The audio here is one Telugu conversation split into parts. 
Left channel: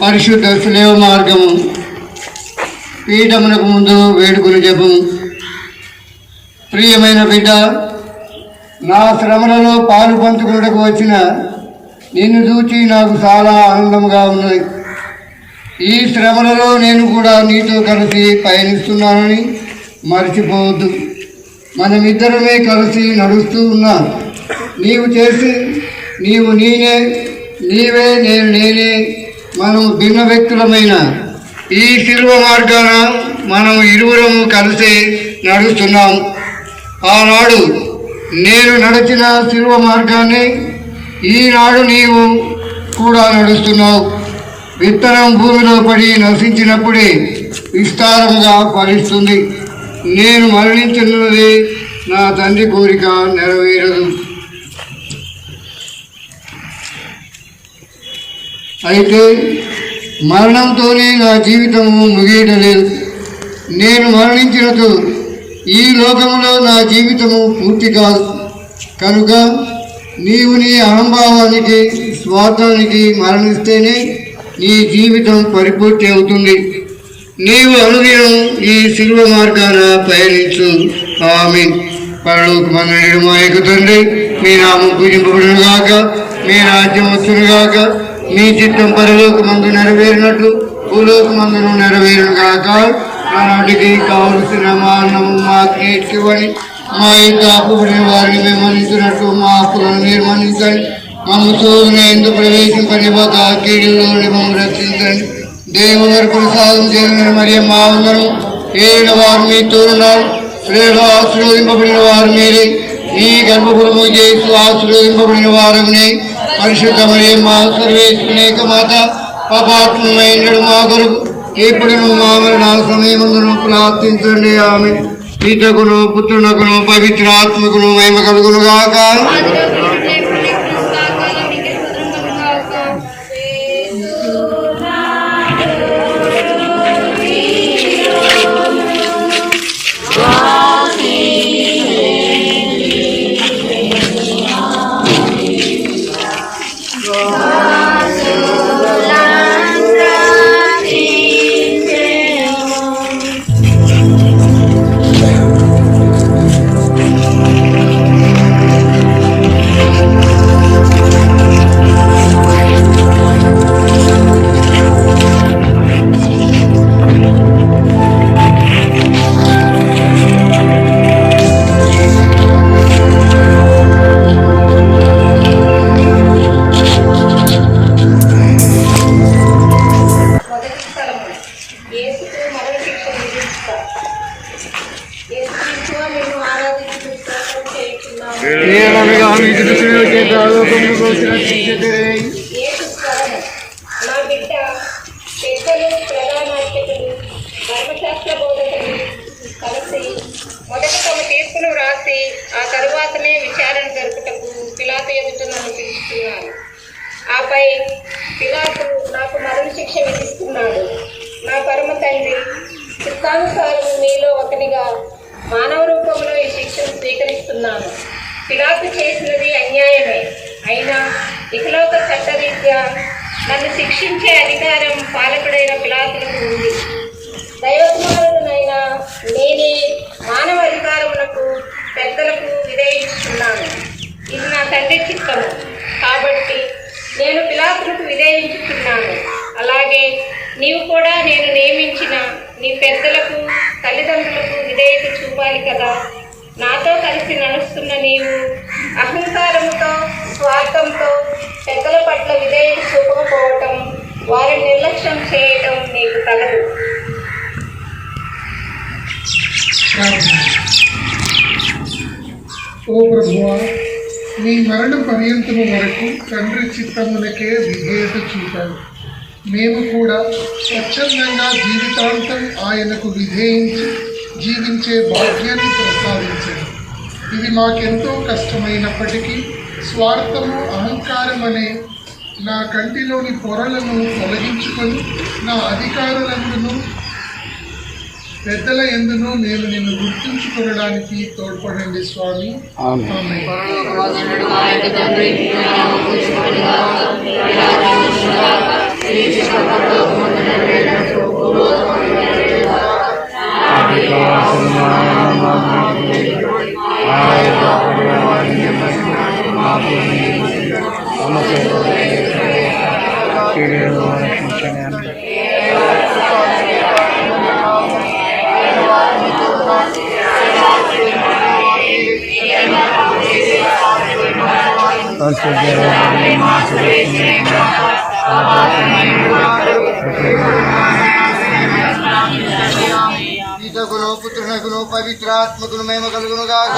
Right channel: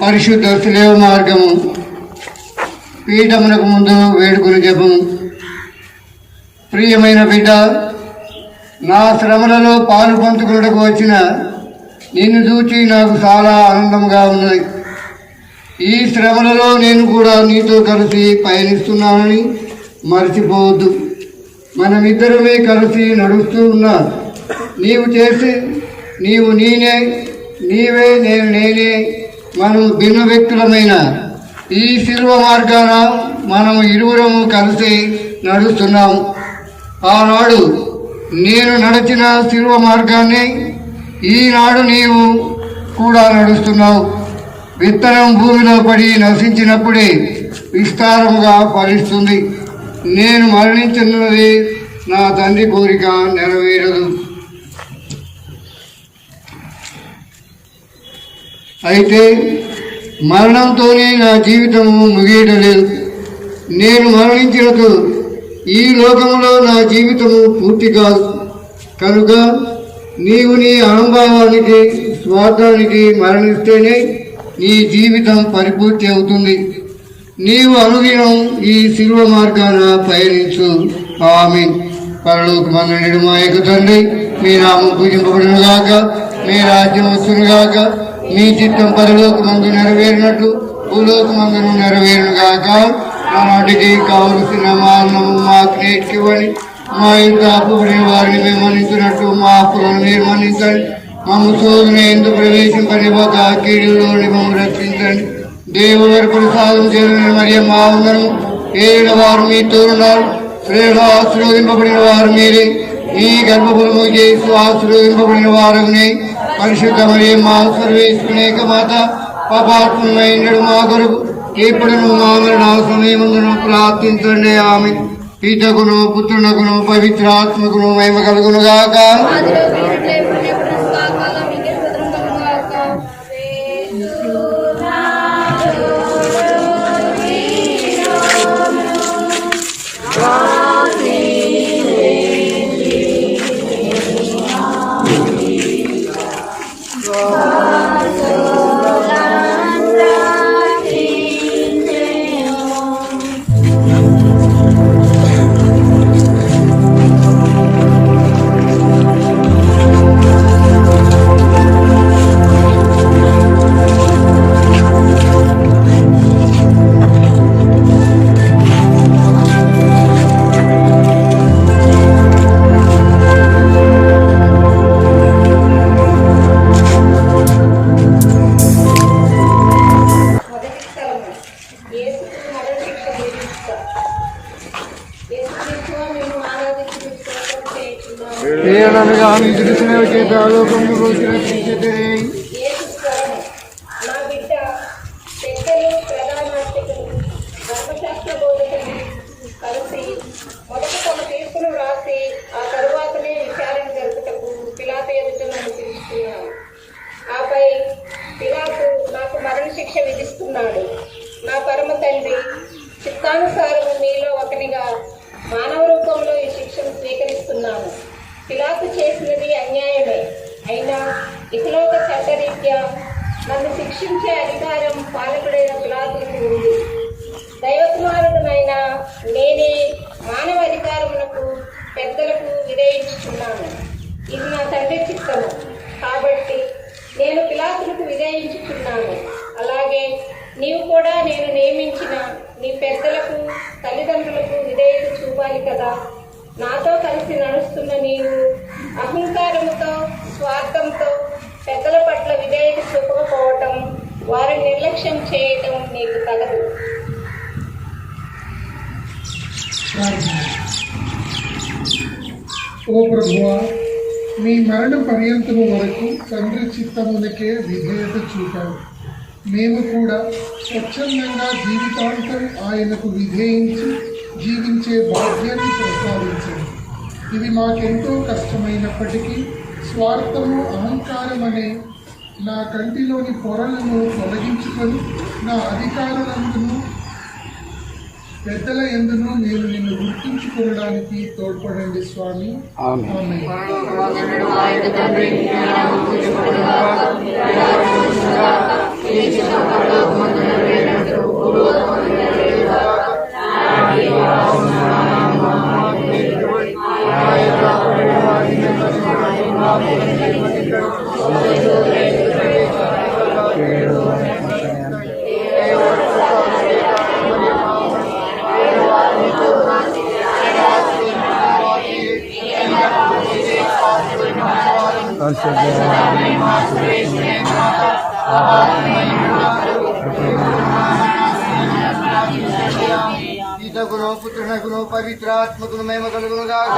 పరిశుద్ధ శిలువ మార్గము పీఠమునకు ముందు వేడుకుని జపము. ప్రియమైన బిడ్డ, నా శ్రమలలో పాలు పంచుకున్నకు వచ్చిన నిన్ను చూచి నాకు చాలా ఆనందంగా ఉన్నది. ఈ శ్రమలలో నేను కూడా నీతో కలిసి పయనిస్తున్నానని మర్చిపోవద్దు. మనమిద్దరమే కలిసి నడుస్తూ ఉన్నాం. నీవు నేనే, నీవే నేను నేనే, మనం భిన్న వ్యక్తులమైన ఈ శిలువ మార్గాన మనం ఇరువురము కలిసి నడుస్తున్నాం. ఆనాడు నేను నడిచిన శిలువ మార్గాన్ని ఈనాడు నీవు కూడా నడుస్తున్నావు. విత్తనం భూమిలో పడి నశించినప్పుడే విస్తారముగా ఫలిస్తుంది. నేను మరణించినది నా తండ్రి కోరిక నెరవేరదు. అయితే మరణంతోనే నా జీవితము ముగియటలేదు. నేను మరణించినతో ఈ లోకంలో నా జీవితము పూర్తి కాదు. కనుక నీవు నీ అహంభావానికి, స్వార్థానికి మరణిస్తేనే నీ జీవితం పరిపూర్తి అవుతుంది. నీవు అనుదినం ఈ శిలువ మార్గాన పయనించు. ఆమేన్. పరలోకమందున మా యొక్క తండ్రి, మీ నామం పూజింపబడునుగాక, మీ రాజ్యం వచ్చునుగాక, మీ చిత్తం పరలోకమందు నెరవేరినట్లు భూలోకమందును నెరవేరునుగాక. నాటికి కావలసిన మా అన్నము మాకు నేర్చుకొని, మా యొక్క అప్పుబడిన వారిని మేము మన్నించినట్టు మా అప్పులను మీరు మన్నించండి. మమ్మ శోధన ఎందుకు ప్రవేశింపనివ్వక కీడులో మమ్మల్ని రక్షించండి. దేవుని వరకు ప్రసాదం చేసిన మరియు మా అందరం ఏడు వారు మీతో ఉన్నారు. ప్రేమలో ఆశీర్వదింపబడిన వారు మీరే. ఈ గర్భఫలము చేసి ఆశీర్వదింపబడిన వారమునే. పరిశుద్ధ మరియు మా సర్వేశ్వరేక మాత, పాపాత్మైన మా కొరకు ఇప్పుడు మా మరణాల సమయమందును ప్రార్థించండి. ఆమె పితకును పుత్రునకును పవిత్రాత్మకును మహిమ కలుగును గాక. మొదట తమ తీర్పును వ్రాసి ఆ తరువాతనే విచారణ జరుపుటకు పిలాతు ఎదుట నన్ను పిలుచుకున్నాను. ఆపై పిలాతు నాకు మరణ శిక్ష విధిస్తున్నాడు. నా పరమ తండ్రి చిత్తానుసారము మీలో ఒకటిగా మానవ రూపంలో ఈ శిక్షను స్వీకరిస్తున్నాను. పిలాతు చేసినది అన్యాయమే, అయినా ఇకలోక చట్టరీత్యా నన్ను శిక్షించే అధికారం పాలకుడైన పిలాతులకు ఉంది. దైవకుమారుడనైనా నేనే మానవ అధికారములకు పెద్దలకు విధేయించుకున్నాను. ఇది నా తండ్రి చిత్తము కాబట్టి నేను పిలాతులకు విధేయించుకున్నాను. అలాగే నీవు కూడా నేను నియమించిన నీ పెద్దలకు తల్లిదండ్రులకు విధేయత చూపాలి కదా. నాతో కలిసి నడుస్తున్న నీవు అహంకారంతో స్వార్థంతో పెద్దల పట్ల విధేయత చూపకపోవటం, వారిని నిర్లక్ష్యం చేయటం నీకు తగదు. ఓ ప్రభువా, నీ మరణ పర్యంతము వరకు తండ్రి చిత్తమునకే విధేయత చూపావు. మేము కూడా స్వచ్ఛందంగా జీవితాంతం ఆయనకు విధేయించి జీవించే భాగ్యాన్ని ప్రసాదించండి. ఇది మాకెంతో కష్టమైనప్పటికీ స్వార్థము, అహంకారం అనే నా కంటిలోని పొరలను తొలగించుకొని నా అధికారులందును పెద్దల ఎందును నేను నిన్ను గుర్తుంచుకోవడానికి తోడ్పడండి స్వామి. ఆమేన్. పితకును పుత్రునకును పవిత్రాత్మకును మహిమ కలుగును గాక.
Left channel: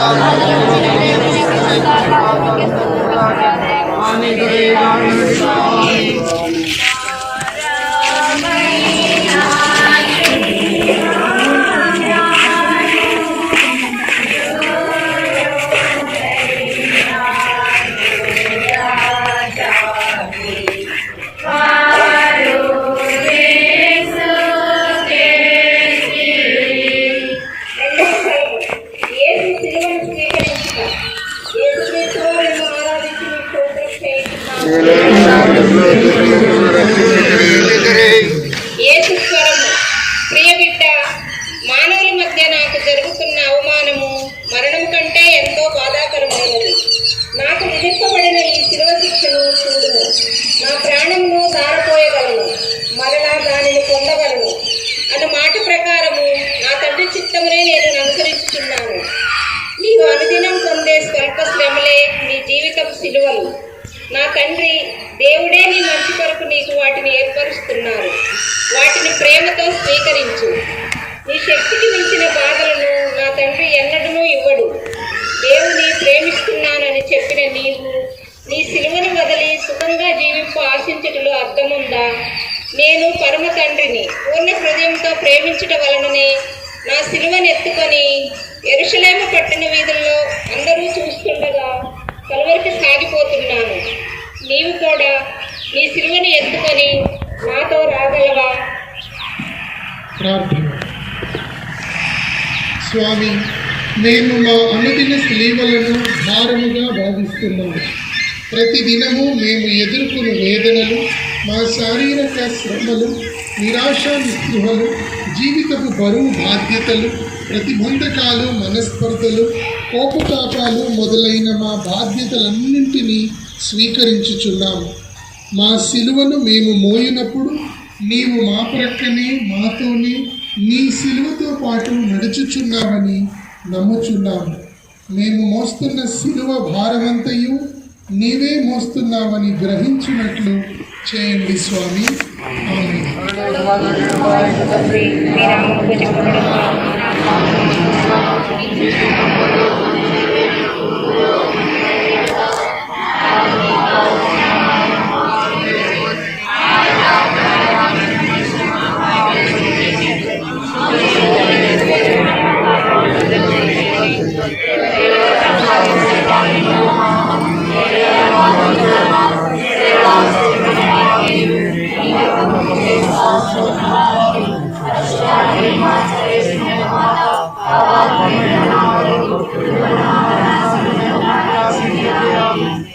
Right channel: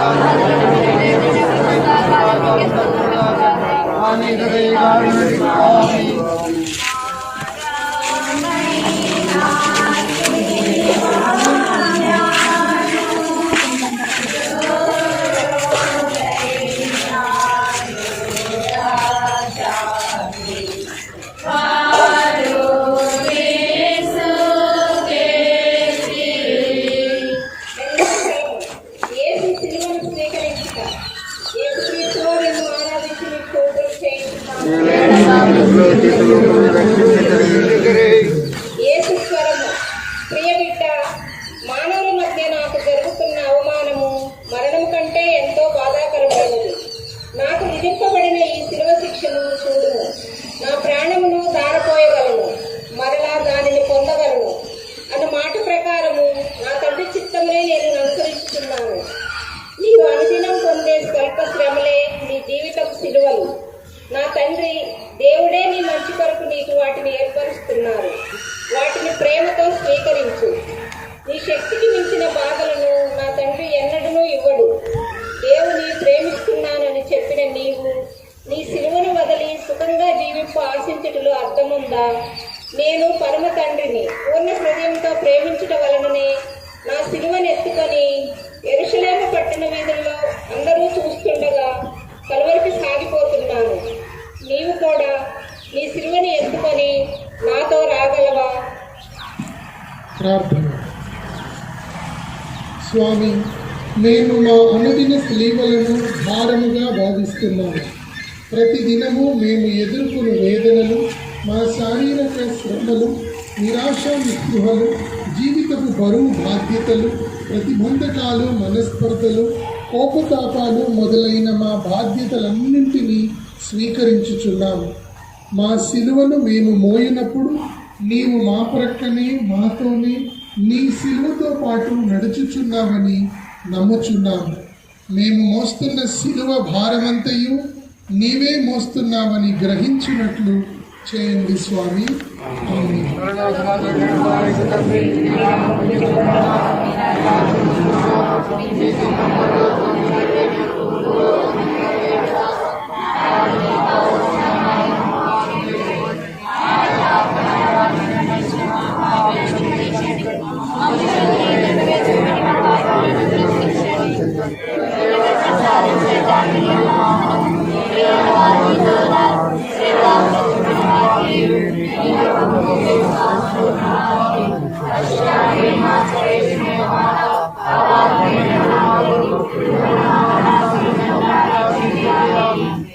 యేసుస్వరము, ప్రియబిడ్డ, మానవుల మధ్య నాకు జరుగుతున్న అవమానము మరణం కంటే ఎంతో బాధాకరమైనది. నాకు విధింపబడిన ఈ శిలువ శిక్షను చూడుము. నా ప్రాణమును ధారపోయగలను, మరలా దానిని పొందగలను అన్న మాట ప్రకారము నా తండ్రి చిత్తమునే నేను అనుసరించుతున్నాను. నీవు అనుదినం పొందే స్వల్ప శ్రమలే నీ జీవితపు శిలువలు. నా తండ్రి దేవుడే నీ మంచి కొరకు నీకు వాటిని ఏర్పరుస్తున్నారు. వాటిని ప్రేమతో స్వీకరించు. నీ శక్తికి మించిన బాధలను నా తండ్రి ఎన్నడూ ఇవ్వడు. దేవుని ప్రేమిస్తున్నానని చెప్పిన నీవు నీ సిలువను వదిలి సుఖంగా జీవింపు ఆశించుటలో అర్థముందా? నేను పరమ తండ్రిని పూర్ణ హృదయంతో ప్రేమించుట వలననే నా సిలువను ఎత్తుకొని యెరూషలేము పట్టణ వీధుల్లో అందరూ చూస్తుండగా కలువరికి సాగిపోతున్నాను. నీవు కూడా నీ సిలువను ఎత్తుకొని నాతో రాగలవా? ప్రార్థన. స్వామి, నేను మా అనుదిన స్లీవలను భారముగా భావిస్తున్నాను. ప్రతిదినము మేము ఎదుర్కొనే వేదనలు, మా శారీరక శ్రమలు, నిరాశ నిస్పృహలు, జీవితపు బరువు బాధ్యతలు, ప్రతిబంధకాలు, మనస్పర్ధలు, కోపతాపాలు మొదలైన మా బాధ్యతలన్నింటినీ స్వీకరించుచున్నాము. మా సిలువను మేము మోయినప్పుడు నీవు మా ప్రక్కనే మాతోనే నీ సిలువతో పాటు నడుచుచున్నామని నమ్ముచున్నాము. మేము మోస్తున్న సిలువ భారమంతయు నీవే మోస్తున్నామని గ్రహించినట్లు చేయండి స్వామి. ఆమేన్.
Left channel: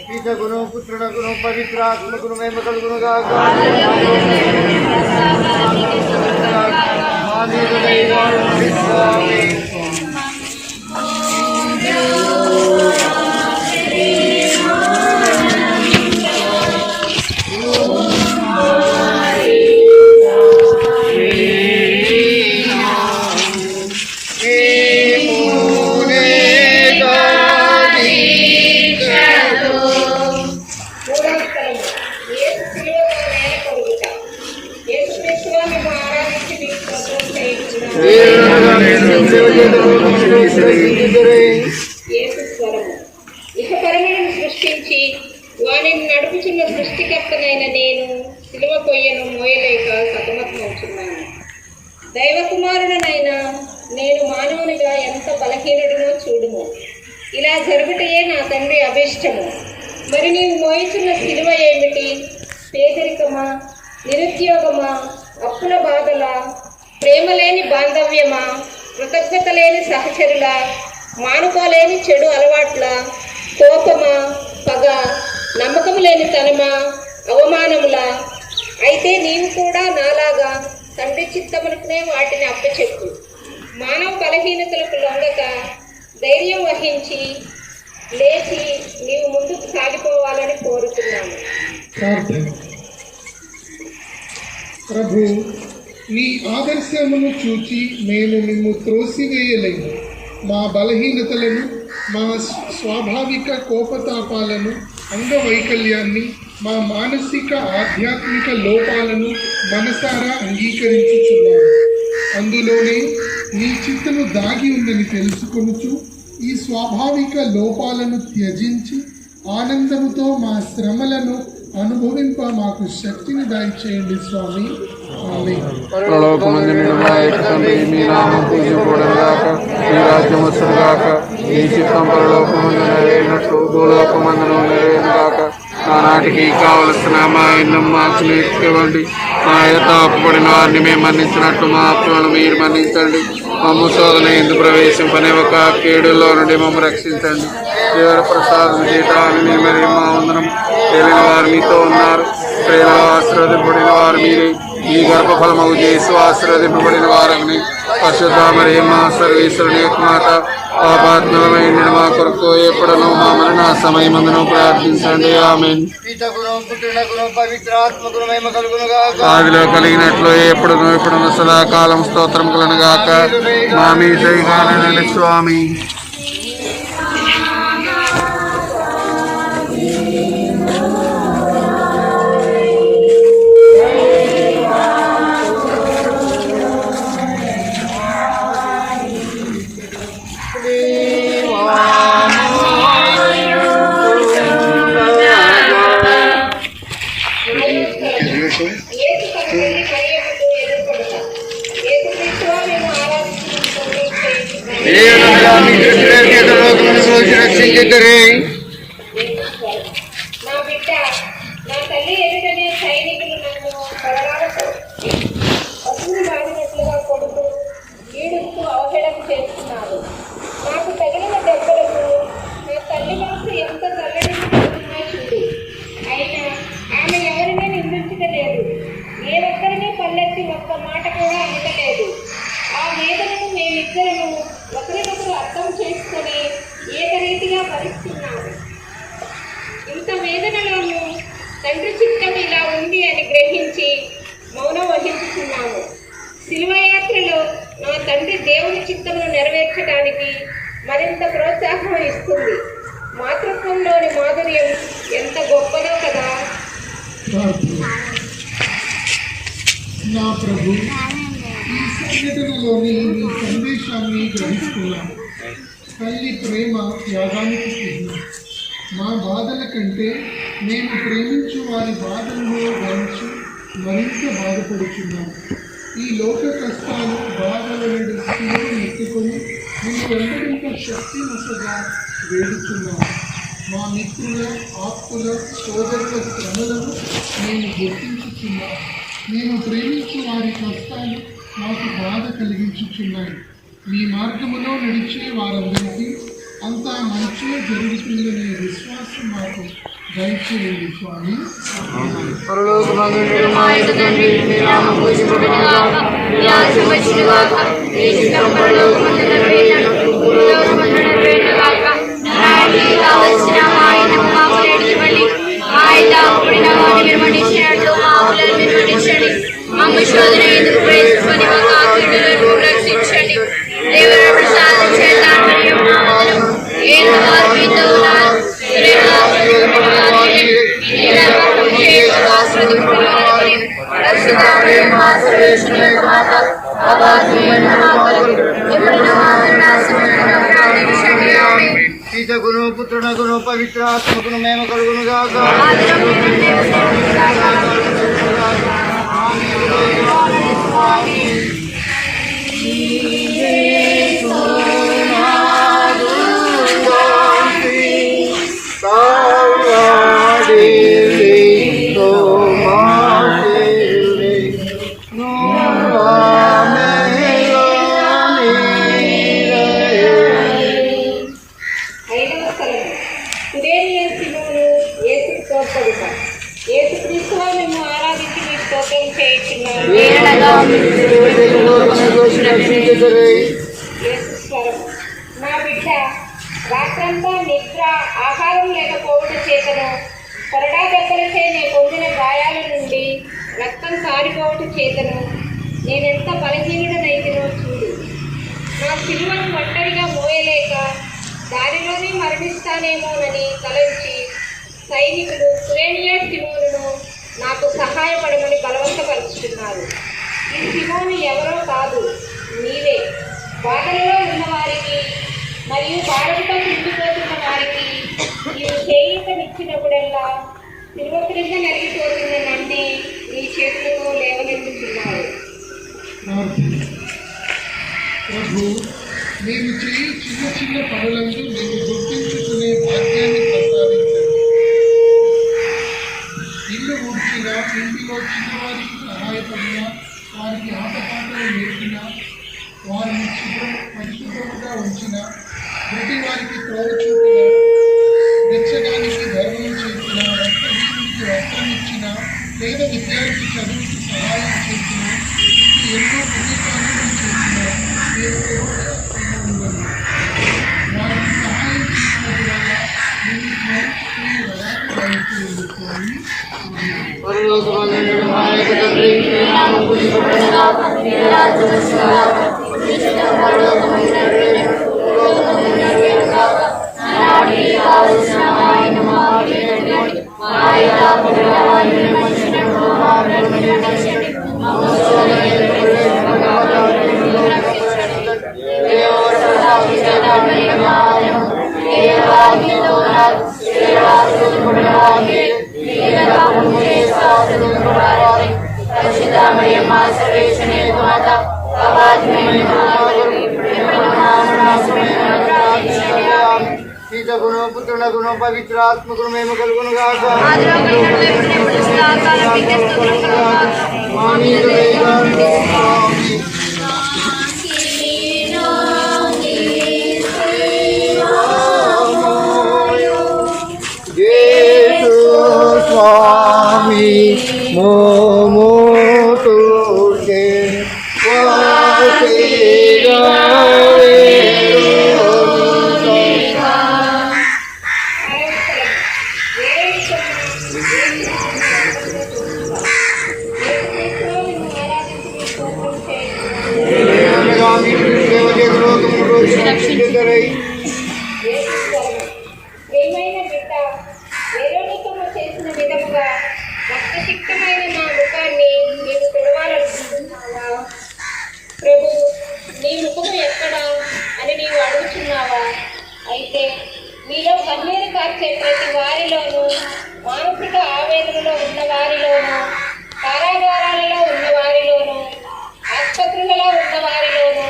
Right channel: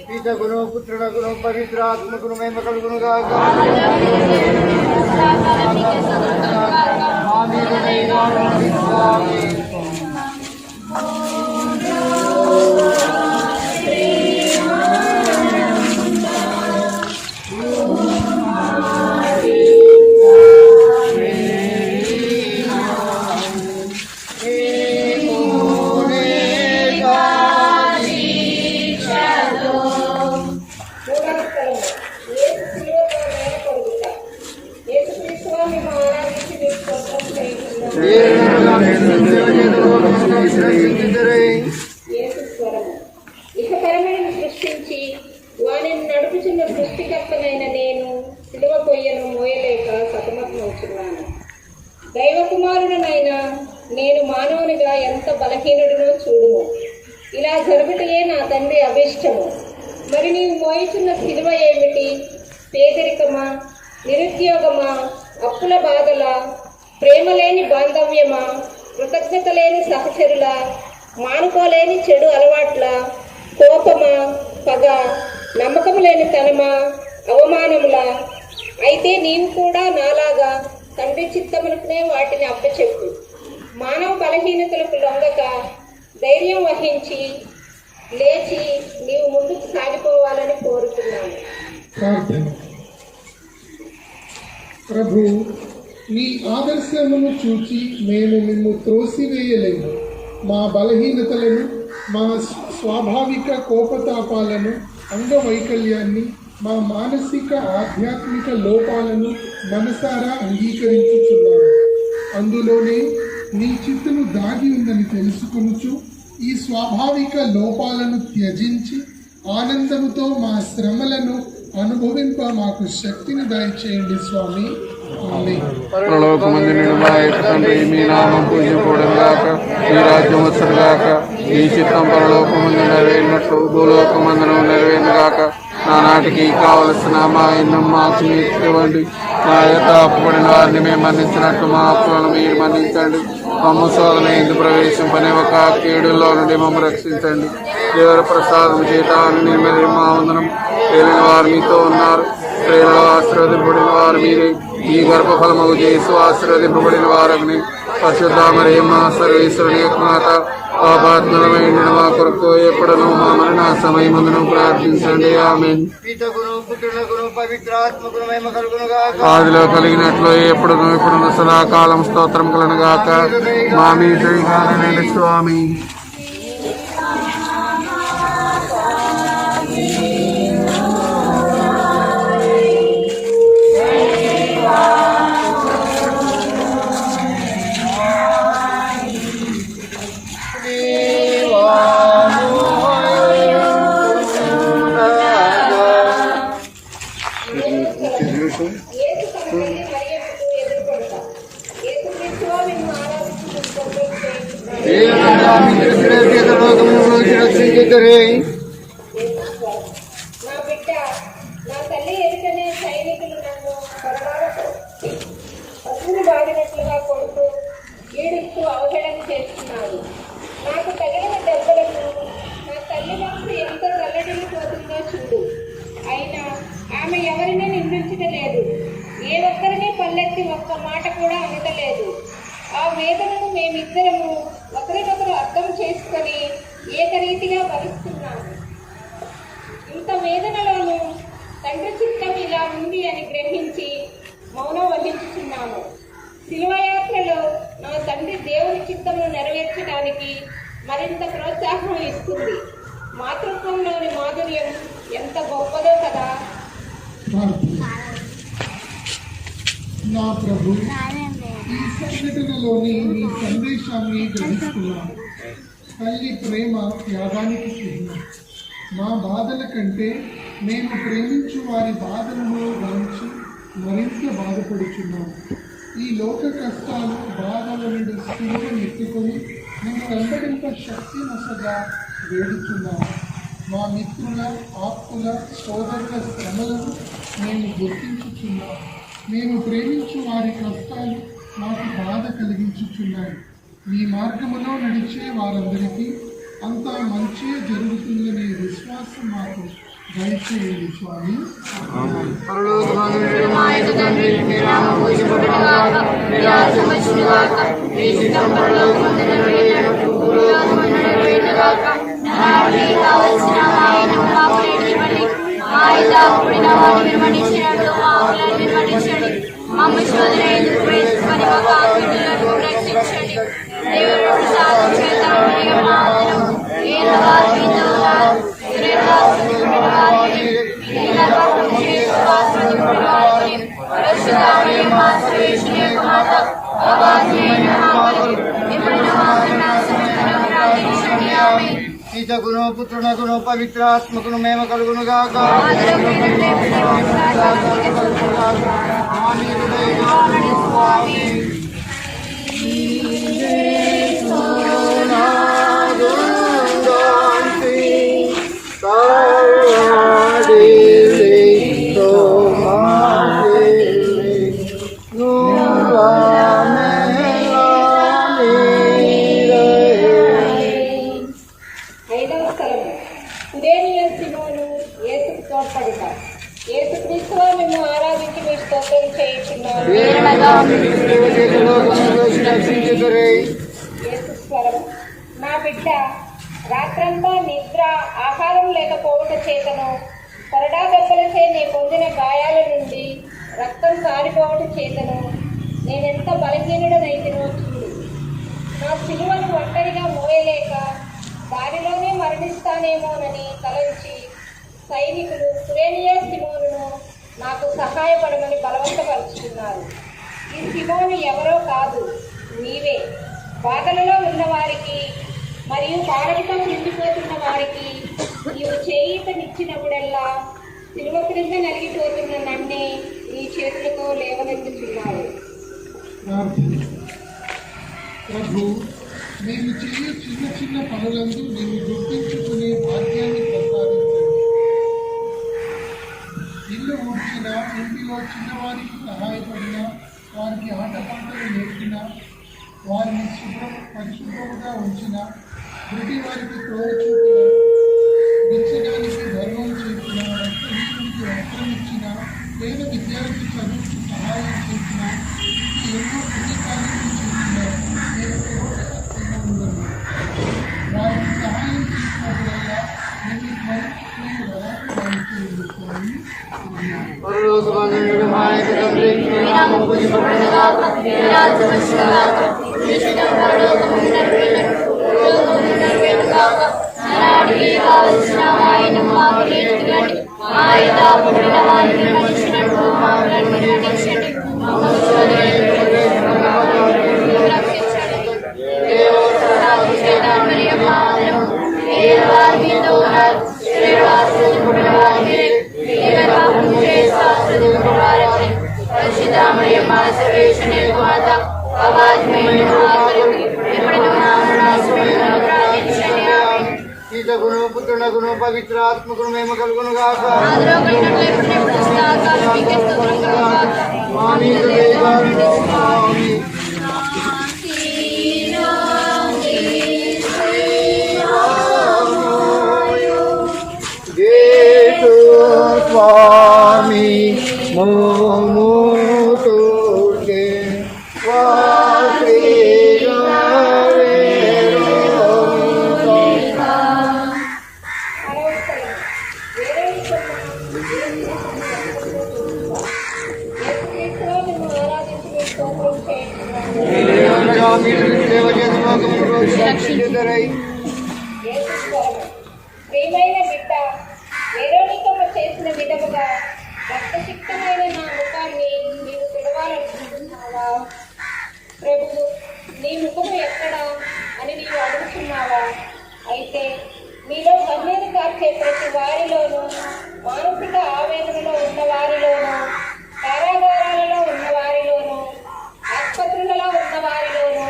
పితకును పుత్రునకును పవిత్రాత్మకును మహిమ కలుగును గాక. ఇహపరములను సృష్టించి వానిని నడుపుచున్న సృష్టికర్తనైన నేను సిలువ కొయ్యను మోయలేక సతమతమవుతున్నాను. దైవకుమారుడనైనా నేను మానవునిగా ఎంత బలహీనుడినో చూడుము. ఇలా జరుగుటయే నా తండ్రి అభిష్టము. మరి నీవు మోయిచున్న సిలువ ఏమిటి? పేదరికమా, నిరుద్యోగమా, అప్పుల బాధల, ప్రేమలేని బాంధవ్యమా, కృతజ్ఞత లేని సహచరుల, మానుకోలేని చెడు అలవాట్ల, కోపమా, పగ, నమ్మకము లేని తనమా, అవమానములా? అయితే నీవు కూడా నాలాగా తండ్రి చిత్తమునకునే వాటిని అప్పచెప్పు. మానవ బలహీనతలకు లొంగక ధైర్యం వహించి లేచి నీవు ముందుకు సాగిపోవాలని కోరుతున్నాను. ప్రార్థన. ప్రభు, నీ ఆదర్శమును చూచి మేము నిన్ను త్రోసివేయలేము. మా బలహీనతలను, మా స్వాభావిక కోపతాపాలను, అంగవైకల్యాన్ని, మా మానసిక ఆధ్యాత్మిక లోపాలను మనసారా అంగీకరించుచున్నాము. అందులోనే నీ చిత్తము దాగి ఉందని తెలుసుకొనుచు ఈ స్వాభావిక లోపాలను త్యజించి ఆనందముతో మా శ్రమలను అనుభవింప మాకు శక్తిని దయచేయండి స్వామి. ఆమేన్. పరలోకమందు నిన్న తండ్రి, మీ నామం పూజింపబడుగాక, మీ రాజ్యం వచ్చుగాక, మీ చిత్తం పరలోకమందు నెరవేరినట్లు భూలోకమందు నెరవేరుగాక. నానాటికి కావలసిన మా ఎన్ను మాకు నేర్చుకోండి. మా యథాపడిన వారిని మేము మన్నించినట్లు మా అప్పులను మీరు మన్నించండి. మమ్మ శోధన ఎందుకు ప్రవేశింపని ఒక కీడులో నుండి మమ్మల్ని రక్షించండి. దేవుడు ప్రసాదం చేతాన్ని మరి మా వందనం. తెలియని వారు మీతో ఉన్నారు, ప్రేమ ఆశీర్వదింపబడిన వారు మీరే. ఈ గర్భఫలము చేసి ఆశీర్వదింపబడిన వారని పరిశుద్ధ మరి మా సర్వేశ్వరుని యొక్క మాట పాపాత్మమైన మా కొరకు ఎప్పుడను మా మరణ సమయమందును ప్రార్థించండి. ఆమేన్. ఆదిలో కలిగినట్లు ఎప్పుడును ఎప్పుడును సదాకాలం స్తోత్రం కలను గాక. మా మీ జయగానని స్వామి. నా బిడ్డ, నా తల్లి ఎదుటనే సైనికులు నన్ను పశువులు బాధినట్లుగా కొడుతూ ఈడుస్తూ అవహేళన చేస్తున్నారు. నాకు తగిలిన దెబ్బలకు నా తల్లి మనసు ఎంత చల్లడిని పడుతుందో చూడు. అయినా ఆమె ఎవరినీ నిందించలేదు, ఏ ఒక్కరినీ పల్లెత్తి ఒక్క మాట కూడా అనలేదు. ఆ వేదనను మేమిద్దరము ఒకరినొకరు అర్థం చేసుకొని ఏకరీతిగా భరిస్తున్నాము. ఇంత వేదనలోనూ తండ్రి చిత్తం ఇలా ఉంది అని గ్రహించి మౌనం వహించుతున్నాము. శిలువయాత్రలో నా తండ్రి దేవుని చిత్తంను నెరవేర్చడానికి మరింత ప్రోత్సాహం ఇస్తుంది. మాతృత్వంలోని మాధుర్యం ఎంత గొప్పదో కదా. నా ప్రభు, ఈ సంఘటనలోని మీ సందేశాన్ని గ్రహిస్తున్నాను. తల్లి ప్రేమ త్యాగానికి చిహ్నం. మా బాధల కంటే మేము ప్రేమించు వారి బాధలను గమనించి మరింత బాధపడుతున్నాము. ఈ లోక కష్టాలు బాధల నుండి శిలువను ఎత్తుకొని నిన్ను వెంబడింప శక్తి నొసగా వేడుతున్నాము. మా మిత్రుల, ఆప్తుల, సోదరుల శ్రమలను మేము గుర్తించుతున్నాము. మేము ప్రేమించు వారి కష్టాలు మాకు బాధ కలిగించుచున్నాయి. మీ మార్గములో నడిచే వారందరికీ అంతా మంచి జరుగుతుందనే విశ్వాసం మాకు దయచేయండి స్వామి. పరలోకమందు మా యొక్క తండ్రి, మీ నామం పూజింపబడుగాక, మీ రాజ్యం వచ్చుగాక, మీ చిత్తం పరలోకమందు నెరవేరినట్లు భూలోకమందు నెరవేరుగాక. నానాటికి కావలసిన మా ఎన్ను మాకు నేర్చుకోండి. మా యథాపడిన వారిని మన్నించినట్లు మా అప్పులను మీరు మన్నించండి. మమ్మ శోధన ఎందుకు ప్రవేశింపని ఒక కీడులను రక్షించండి. దేవుడు ప్రసాదం చేతాన్ని ఏదో వారు మీతో ఉన్నారు, పితకును పుత్రునకును పవిత్రాత్మకును మేము కలుగునుగాక. యేసుక్రీస్తులో మేము ఆరాధించి మీ స్తోత్రం చేయించున్నాము. యేసుస్వరం. నా బిడ్డ రాత్రంతా నిద్ర ఆహారం లేకపోవట చేతను కొరడా దెబ్బలచే నే పొందిన గాయాల నుండి రక్తం కారిపోవట చేతను నేనెంత బలహీనుడనైతినో చూడు. నా సిలువను ఒంటరిగా మోయలేక దారిలోనే మరణిస్తానేమోనని తలంచి సైనికులు కురేనియా సిమోనును నాకు సహాయపడమని బలవంతపరుచుతున్నారు. ఈ సిమోను ఎవరో కాదు, నీవే. బాధలలో ఉన్నవారికి మరియు భారంతో కుంగిపోతున్న వారికి నీవు చేయూతనిచ్చినప్పుడల్లా సిలువ క్రింద నలిగిపోతున్న నన్నే నీ చేతులతో లేవనెత్తుతున్నావు. ప్రభు, మేము చేయి చిన్న చిన్న పనులందు మేము గుర్తించుకునే భాగ్యాన్ని ప్రసాదించండి. ఇల్లు ఊడ్చినా, ఇంటిలో చిన్నవారికి సహాయపడినా, వారికి ఆటపాటలు నేర్పినా, వారిని పరిశుభ్రముగా ఉంచిన, ప్రతి వారికి త్రోవ చూపిన, వెచ్చడానికి ధర్మం చేసిన, రక్తహీనుడికి వస్త్రం ఇచ్చిన, పేద విద్యార్థి చదువుకు సహాయం చేసిన, ఇది ఎన్నో పుణ్యకార్యాలు చేసిన వారికి సహాయం చేసినప్పుడల్లా నేను స్మరించుకునే వరాన్ని పరలోకమందున్న మా యొక్క తండ్రి, నీ నామం పూజింపబడునుగాక, నీ రాజ్యం వచ్చునుగాక, నీ చిత్తం పరలోకమందు నెరవేరునట్లు భూలోకమందు నెరవేరునుగాక. నాటికి కావలసిన ఆహారము మాకు నేర్పండి. మా యొక్క అప్పుడైన వారిని విమర్శించటకు మా అప్పులను విమర్శించండి. మమ్ము శోధనయందు ప్రవేశింపనివ్వకండి. దేవుడు ప్రార్థించే కార్యము దేవాలయంలో ఉన్నారు. శ్రీవాసుని వారికి గుణ పుత్రుల గుణ పవిత్రాత్మకుడు మేము కలుగును గాక. స్వామి మోమోతుకే ప్రియమైన బిడ్డ, వేరోనికము చేసిన విధముగా రక్తసిక్తమైన నా ముఖాన్ని నీవు తుడవాలనుకుంటున్నావా? ప్రభు, నీ ముఖము ఎక్కడా అని నీవు అడుగుతున్నావా? అయితే మీలో కన్నీరు కార్చే ప్రతి వారిలోనూ, మానసిక ఆవేదనలో ఉన్న వారిలోనూ, కారాగారాలలో ఉన్న వారిలోనూ, ఆసుపత్రులలో ఉన్న వారిలోనూ,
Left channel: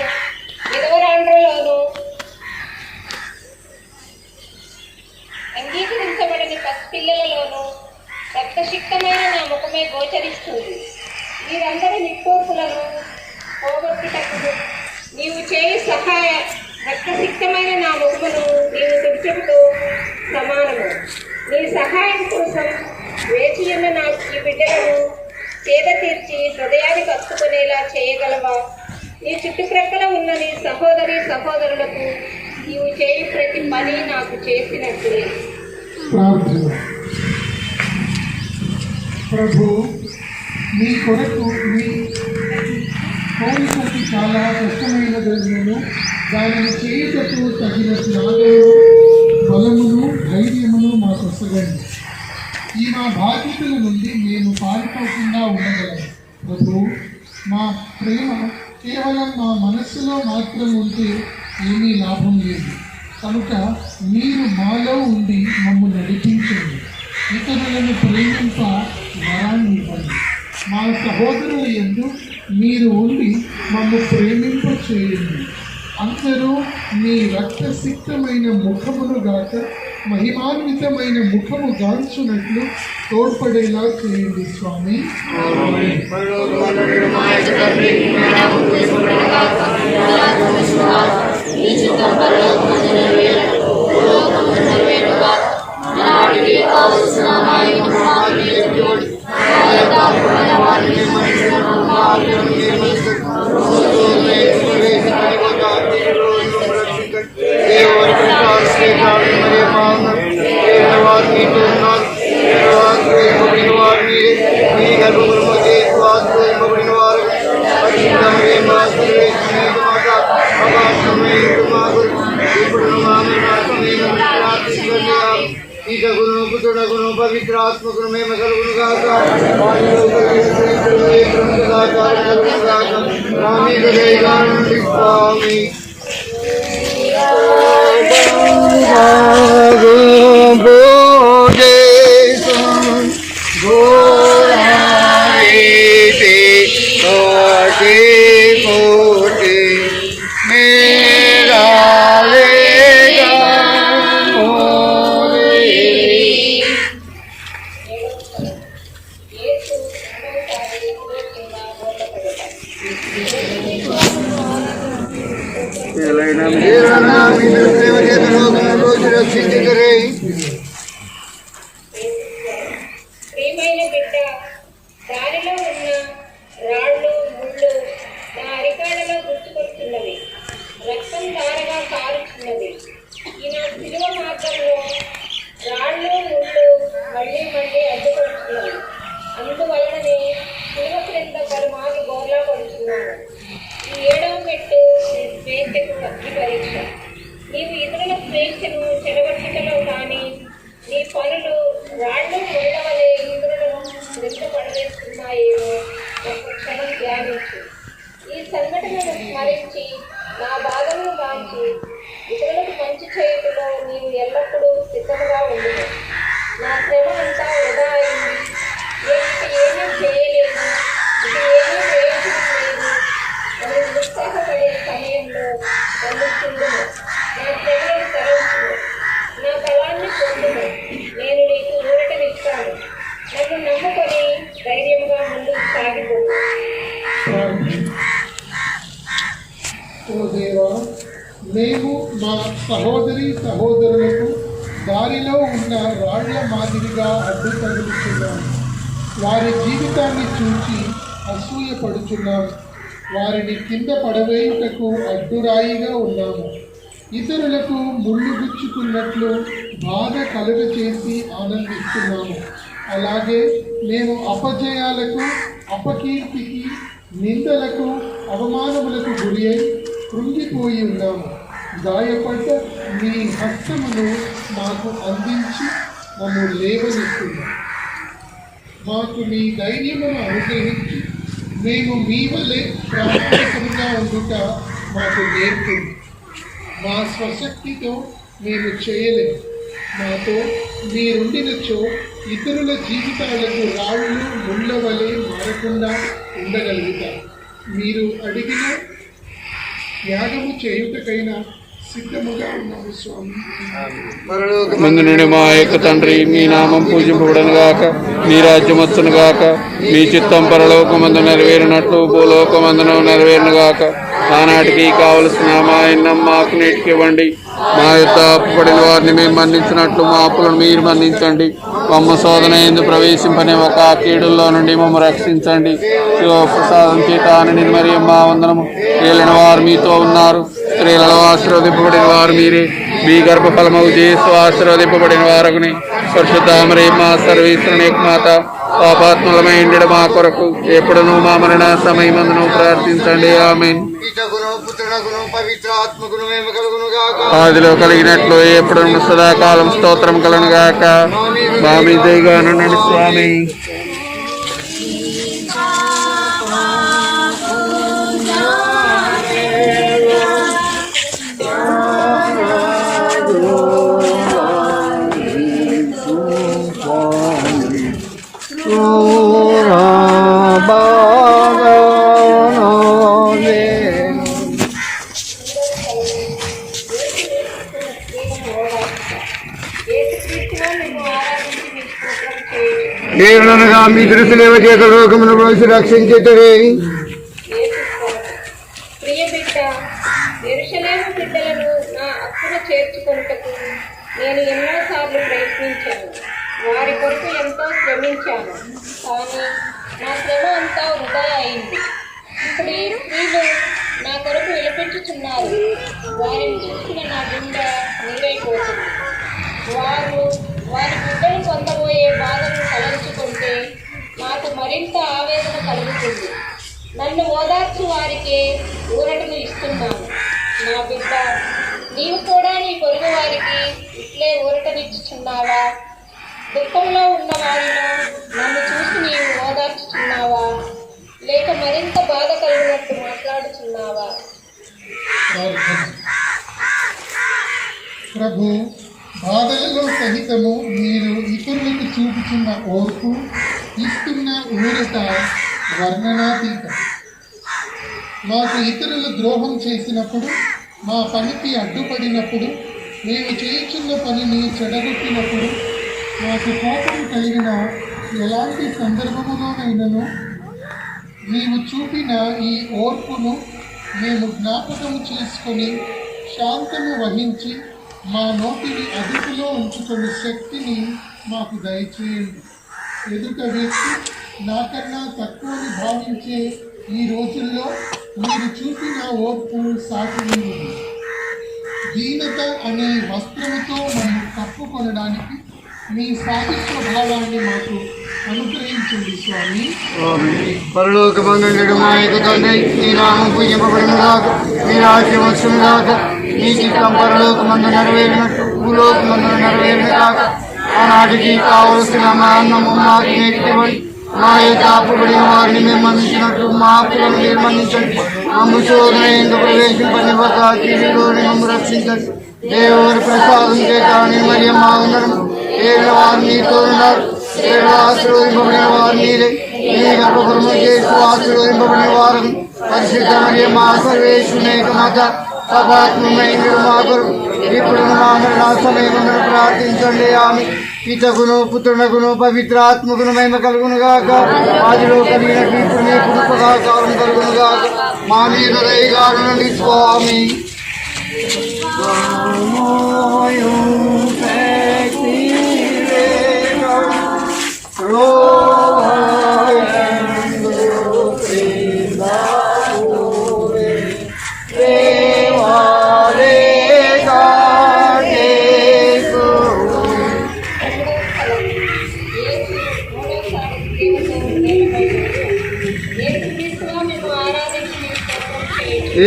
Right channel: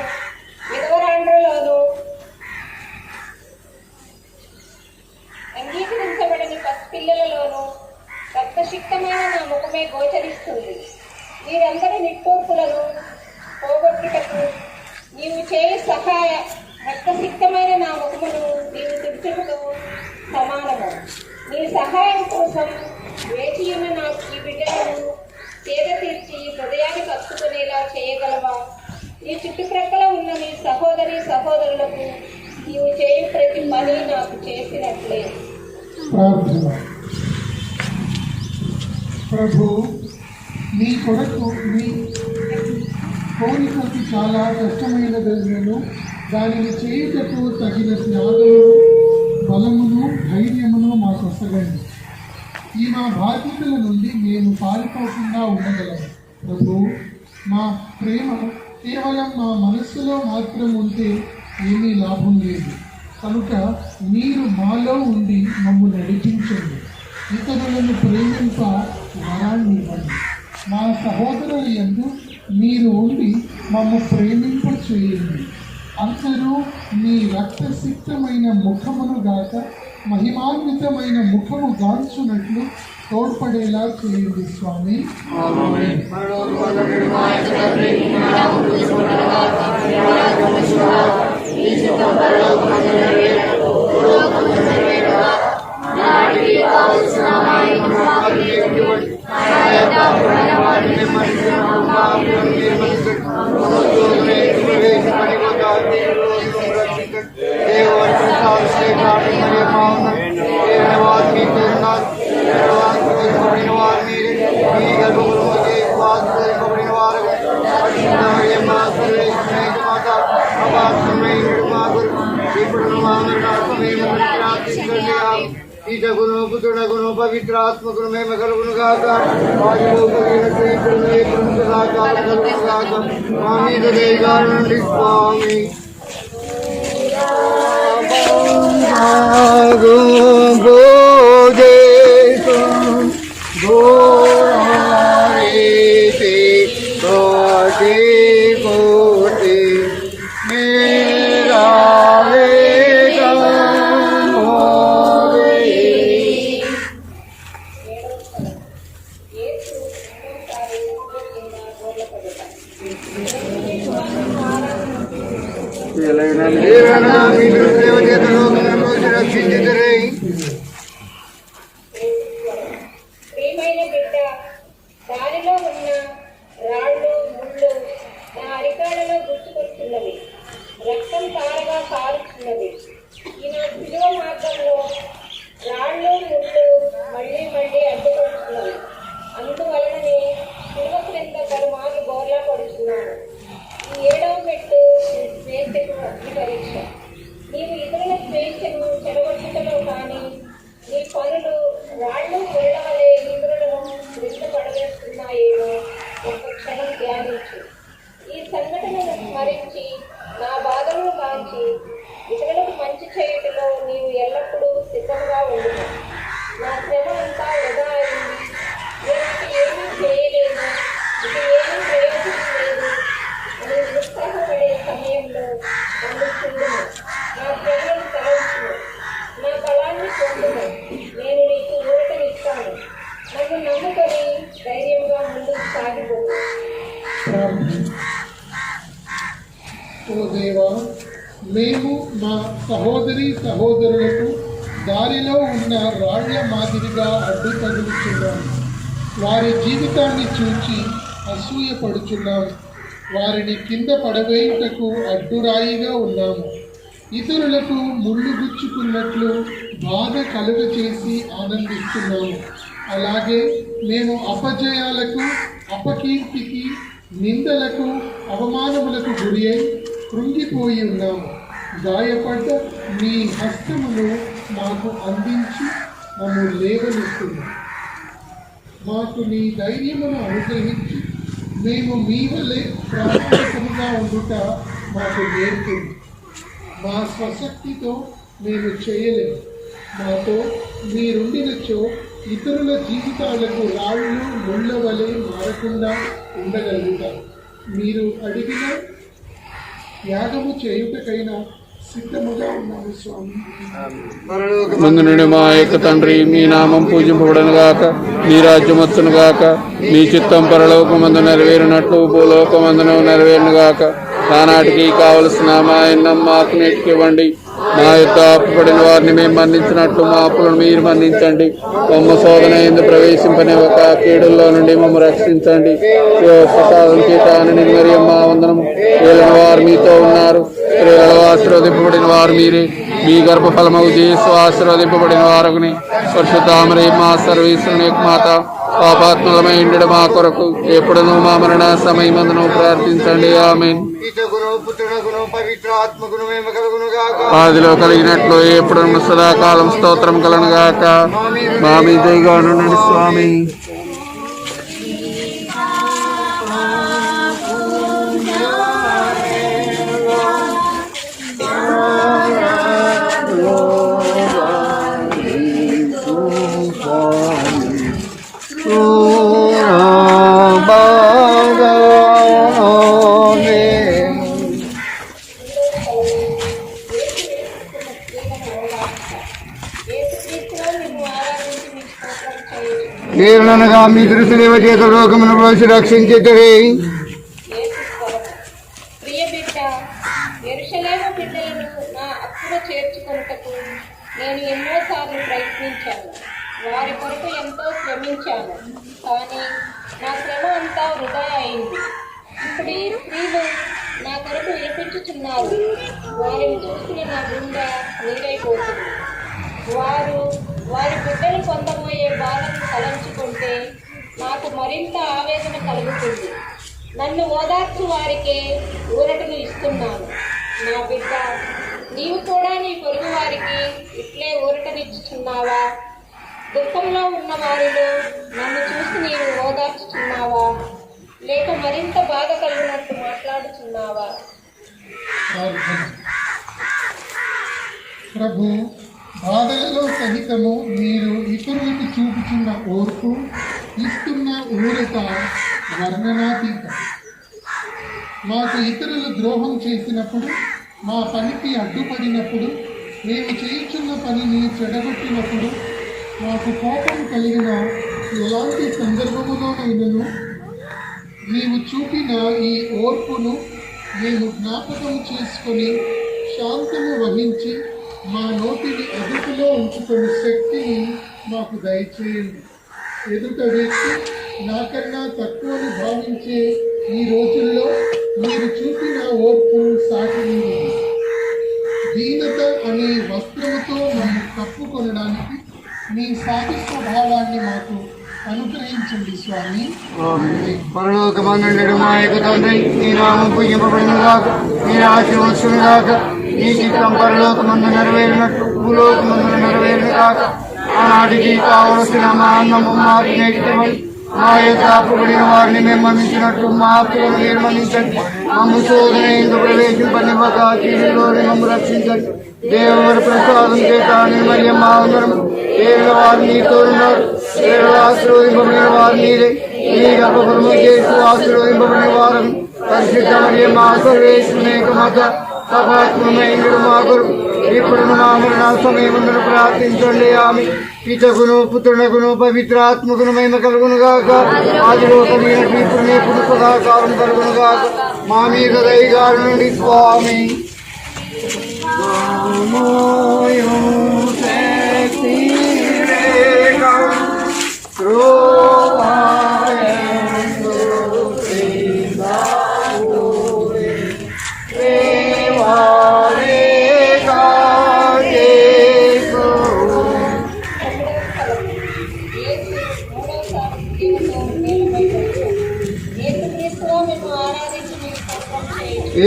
విధవరాండ్రలోనూ, అంగీకరించబడని పసిపిల్లలలోనూ రక్తసిక్తమైన నా ముఖమే గోచరిస్తుంది. వీరందరి నిట్టూర్పులను పోగొట్టుటకు నీవు చేయి సహాయ రక్తసిక్తమైన నా ముఖమును నీవు తుడుచుటతో సమానము. నీ సహాయం కోసం వేచి ఉన్న నా ఈ బిడ్డలను సేద తీర్చి హృదయానికి హత్తుకునేలా చేయగలవా? ఈ చుట్టుప్రక్కల ఉన్న నీ సహోదరి సహోదరులకు నీవు చేయి ప్రతి పని నాకు చేసినట్లే. ప్రార్థన. ప్రభు, మీ కొరకు మీ కోరికకి చాలా కష్టమైనదను దానిని చేయుటకు తగిన జ్ఞానము, బలమును, ధైర్యమును మాకు వసగండి. ఈ మా బాధ్యతల నుండి మేము పారిపోకుండా ఉండగలము. ప్రభు, మా ప్రేమ కేవలం మా మనస్సులో మాత్రం ఉంటే ఏమీ లాభం లేదు. కనుక మీరు మాలో ఉండి మమ్ము నడిపించండి. ఇతరులను ప్రేమింప వరాన్ని ఇవ్వండి. మా సహోదరుల యందు మీరు ఉండి మమ్ము ప్రేమింప చేయండి. అందరూ మీ రక్తసిక్తమైన ముఖమును గాక మహిమాన్వితమైన ముఖము గాంచున్నట్లు తోడ్పడేలా చేయండి స్వామి. ఈ చిత్తం పరలోకమందు నెరవేరునట్లు భూలోకమందు నెరవేరుగాక. నాటికి కావలసిన మా ఇంటి మాకు నేర్పివ్వండి. మా యొక్క అప్పులైన వారిని మన్నించినట్లు మా అప్పులను మీరు మన్నించండి. దేవుని ప్రసాదం శ్రేష్ఠాలు మరియు మా వారు మీతో ఉన్నారు. ఇవ్వబడిన వారు మీరే, మీ గర్భముల మధ్య వాసు ఇవ్వబడిన వారు మా సర్వేశ్వరునికి మాట అపాసమైన మా కొరకు ఇప్పుడు మా మరణాసమయము ప్రార్థించండి. ఈతగును పుత్రుడగును పవిత్రాత్మకును మేము కలుగును గాక. మా మీద దయగానుండి స్వామి. ప్రియమైన బిడ్డ, దారిలో ఉన్న రాళ్ళు ముళ్ళు నా అరికాళ్ళలో గుర్తుకొస్తున్నవి. రక్తం ధారగా కారుతున్నది. ఈ నా శిలువ మార్గంలో రాళ్ళు ముళ్ళు మళ్ళీ మళ్ళీ అడ్డుకొస్తున్నవి. అందువలననే శిలువ క్రింద పలుమార్లు బోర్లా పడుతున్నాను. ఈ 7వ మెట్టు నీ స్వేచ్ఛకు అగ్ని పరీక్ష. నీవు ఇతరుల స్వేచ్ఛను చెడగొట్టుటలో కానీ నీ పనులు రాళ్ళు ముళ్ళవలే ఇంద్రులను పడవేస్తున్నాయేమో ఒక క్షణం ధ్యానించు. ఈ సంఘటనను స్మరించి నా బాధలను కాంచి ఇతరులకు మంచి చేయుటలో నీవు ఎల్లప్పుడూ సిద్ధంగా ఉండును. నా శ్రమ అంతా వృధా అయింది, నేను ఇక ఏమీ చేయలేను, ఇక ఏమీ ప్రయోజనం లేదు అని నిరుత్సాహపడే సమయంలో నన్ను చూడును. నా శ్రమను తరచును, నా బలాన్ని పొందును. నేను నీకు ఊరటనిస్తాను. నన్ను నమ్ముకొని ధైర్యంగా ముందుకు సాగిపోను. ఓ దేవా, మేము మా సహోదరులకు దారిలో ఉన్న రాళ్ల మాదిరిగా అడ్డు తగులుతున్నాము. వారి జీవితాన్ని చూచి అసూయపడుతున్నాము. వారిని కింద పడవేయుటకు అడ్డురాయిగా ఉన్నాము. ఇతరులకు ముళ్ళు గుచ్చుకున్నట్లు బాధ కలుగ చేసి ఆనందిస్తున్నాము. అలాగే మేము అపజయాలకు, అపకీర్తికి, నిందలకు, అవమానములకు గురి అయి కృంగిపోయి ఉన్నాము. గాయపడ్డ నీ హస్తమును మాకు అందించి మమ్ము లేవనెత్తున్నాము. మాకు నీ ధైర్యమును అనుగ్రహించి మేము మీ వలె ప్రామాణికముగా ఉండుట మాకు నేర్పింది. మా స్వశక్తితో మేము చేయలేము. మాతో మీరుండినచో ఇతరుల జీవితాలకు రాళ్ళు ముళ్ళ వలె మారకుండా ఉండగలుగుతారు. మీరు అడిగిన త్యాగము చేయుటకైనా సిద్ధముగా ఉన్నాము స్వామి. ముందు నుండి మా యొక్క తండ్రి, మీ నామం పూజింపబడను గాక, మీ రాజ్యం వచ్చును గాక, మీ చిత్తం పరలోకమందు నెరవేరినట్లు భూలోకమందును నెరవేరును గాక. ఆనాటికి కావలసిన మా అన్నం మాకు నేటికివ్వండి. మా యొక్క అప్పుపడిన వారిని మేము మన్నించినట్లు మా అప్పులను మీరు మన్నించండి. మమ్మ శోధన ఎందు ప్రవేశింపని ఒక కీడుల్లో నుండి మమ్మ రక్షించండి. ప్రసాదం చేత నిర్మర్యం మా వందనం. ఏలిన వారు మీతో ఉన్నారు, స్త్రీలలో ఆశీర్వదింపబడిన వారు మీరే. మీ గర్భఫలమగు చేస్తూ ఆశీర్వదింపబడిన వారుగుని. పరిశుద్ధామరే మా సర్వేశ్వరుని మాత, పాపాత్మలమై ఉండడు మా కొరకు ఎప్పుడునూ మా మరణ సమయమందును ప్రార్థించండి. ఆమేన్. ఆదిలో కలిగినట్లు ఎప్పుడు సదాకాలం స్తోత్రం కలను గాక. మా మీద దయగానుండండి స్వామి. ఏననగా మీ దృష్టిలేవ చేత లోకమును మనిషి రక్షించేటవే. ప్రియ బిడ్డ, యెరూషలేము బిడ్డలను నా అక్కున చేర్చుకొనుటకు నేను ఎన్నోసార్లు ప్రయత్నించాను. శ్రమించాను, కానీ నా శ్రమ అంతా వృధా అయింది. ఇప్పుడు ఈ స్త్రీలు నా కొరకు విలపించుచున్నారు. వారిని చూసిన నా గుండె నీరైపోతుంది. వారి బిడ్డలు పొందబోయే బాధను తలంచుకుంటే నాకు మరింత ఆవేదన కలుగుతుంది. నన్ను ఓదార్చు వారికే ఊరటను ఇస్తున్నాను. నా బిడ్డ, నీవు కూడా నీ పొరుగు వారికి ఇట్లే ఊరటనిచ్చుచున్నావా? దుఃఖంలో ఉన్న వారిలో నన్ను చూసి నీవు ఓదార్చుచున్నావా? లేక మరింత బాధ కలిగినట్టు మాట్లాడుచున్నావా? ప్రభు, బాధలలో సహితము మీరు ఇతరులకు చూపుతున్న ఓర్పు, ఇస్తున్న ఊరట వర్ణనాతీతం. మాకు ఇతరులు ద్రోహం చేసినప్పుడు, మా పనికి అడ్డుపడినప్పుడు, మేము చేయుచున్న పనిని చెడగొట్టినప్పుడు, మాకు కోపం కలిగిన ఎలాంటి సందర్భములోనైనను నీవు చూపిన ఈ ఓర్పును మేము జ్ఞాపకం చేసుకొని శాంతము వహించి మా నోటిని అదుపులో ఉంచుకునే శక్తిని మాకు దయచేయండి. ఎదుట వ్యక్తి నాకన్నా తక్కువని భావించే ఈ రోజుల్లో మీరు చూపిన ఓర్పు సాటి దీనత అనే వస్త్రముతో మనం కప్పుకొనడానికి మీ సాహిత్య భావాన్ని మాకు అనుగ్రహించండి స్వామి. పరలోకమందుండు మా యొక్క తండ్రి, నీ నామం పూజింపబడునుగాక, నీ రాజ్యం వచ్చునుగాక, నీ చిత్తం పరలోకమందు నెరవేరినట్టు భూలోకమందు నెరవేరునుగాక. ఆనాటికి కావలసిన మా అన్నము మాకు నేర్చుకోండి. మా యొక్క అప్పుబడిన వారిని మేము మన్నించినట్టు మా అప్పులను మేము మన్నించండి. మమ్ము శోధన ఎందుకు ప్రవేశింపనివ్వక కీడులోని మమ్ము రక్షించండి. దేవుని ప్రసాదం చేతాని మరియు మా అందరం ఏళ్ళ వారు నీతో ఉన్నారు. ఏళ్ళు ఆశీర్వదింపబడిన వారు నీరే. నీ గర్భఫలము చేస్తూ ఆశీర్వదింపబడిన వారు పరిశుద్ధ మరియు మా సర్వేశ్వనేక మత సపాత్మైన మా కొరకు ఇప్పుడు మా మరణ సమయముందు ప్రార్థించండి. ఆమె పితకును పుత్రునకును పవిత్రాత్మకును మహిమ కలుగునుగాక. ఆదిలో కలిగినట్టు ఇప్పుడు ఇప్పుడు సదాకాలం కలుగునుగాక. మా మీద దయగారునండి స్వామి.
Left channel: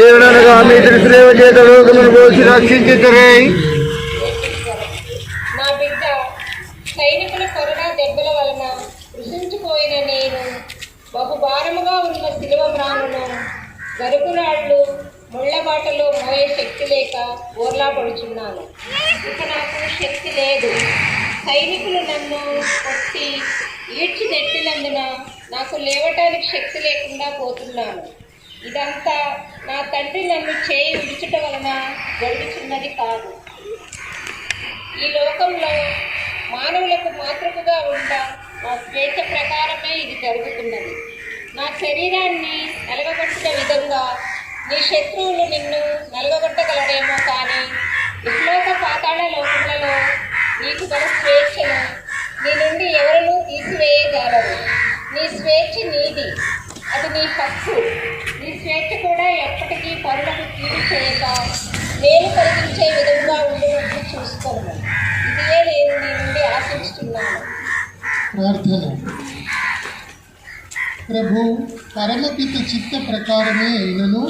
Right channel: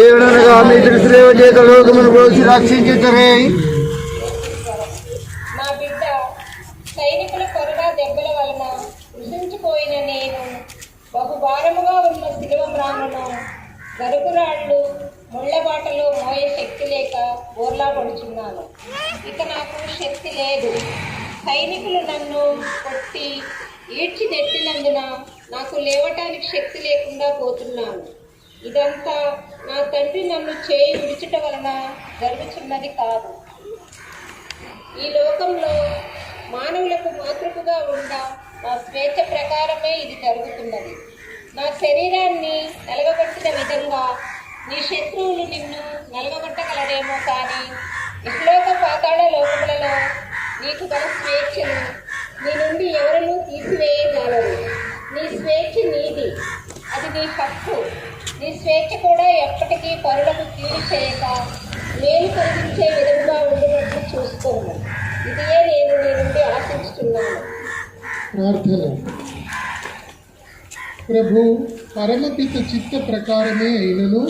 ఏడనగా మీ త్రిశ్రేవ చేత లోకమును పోసి రక్షించుతరే. నా బిడ్డ సైనికుల కొరడా దెబ్బల వలన కృషించిపోయిన నేను బహుభారముగా ఉన్న శిలువ మ్రానును గరుకురాళ్ళు ముళ్ళబాటలో మోయే శక్తి లేక బోర్లా పడుచున్నాను. ఇక నాకు శక్తి లేదు. సైనికులు నన్ను కొట్టి ఈడ్చి నెట్టినందున నాకు లేవటానికి శక్తి లేకుండా పోతున్నాను. ఇదంతా నా తండ్రి నన్ను చేయి విడుచుట వలన జరుగుతున్నది కాదు. ఈ లోకంలో మానవులకు మాతృకగా ఉండ నా స్వేచ్ఛ ప్రకారమే ఇది జరుగుతున్నది. నా శరీరాన్ని నలగగొట్టిన విధంగా నీ శత్రువులు నిన్ను నలగగొట్టగలరేమో, కానీ ఇహలోక పాతాళ లోకములలో నీకు గల స్వేచ్ఛను నీ నుండి ఎవరూ తీసివేయగలరు. నీ స్వేచ్ఛ నీది, అది నీ హక్కు. నీ స్వేచ్ఛ కూడా ఎప్పటికీ పరులకు కీడు చేయక నేను కలిగించే విధంగా చూసుకోను. ఇదే నేను నీ నుండి ఆశిస్తున్నాను. ప్రార్థన. ప్రభు, పరమపిత చిత్త ప్రకారమే అయినను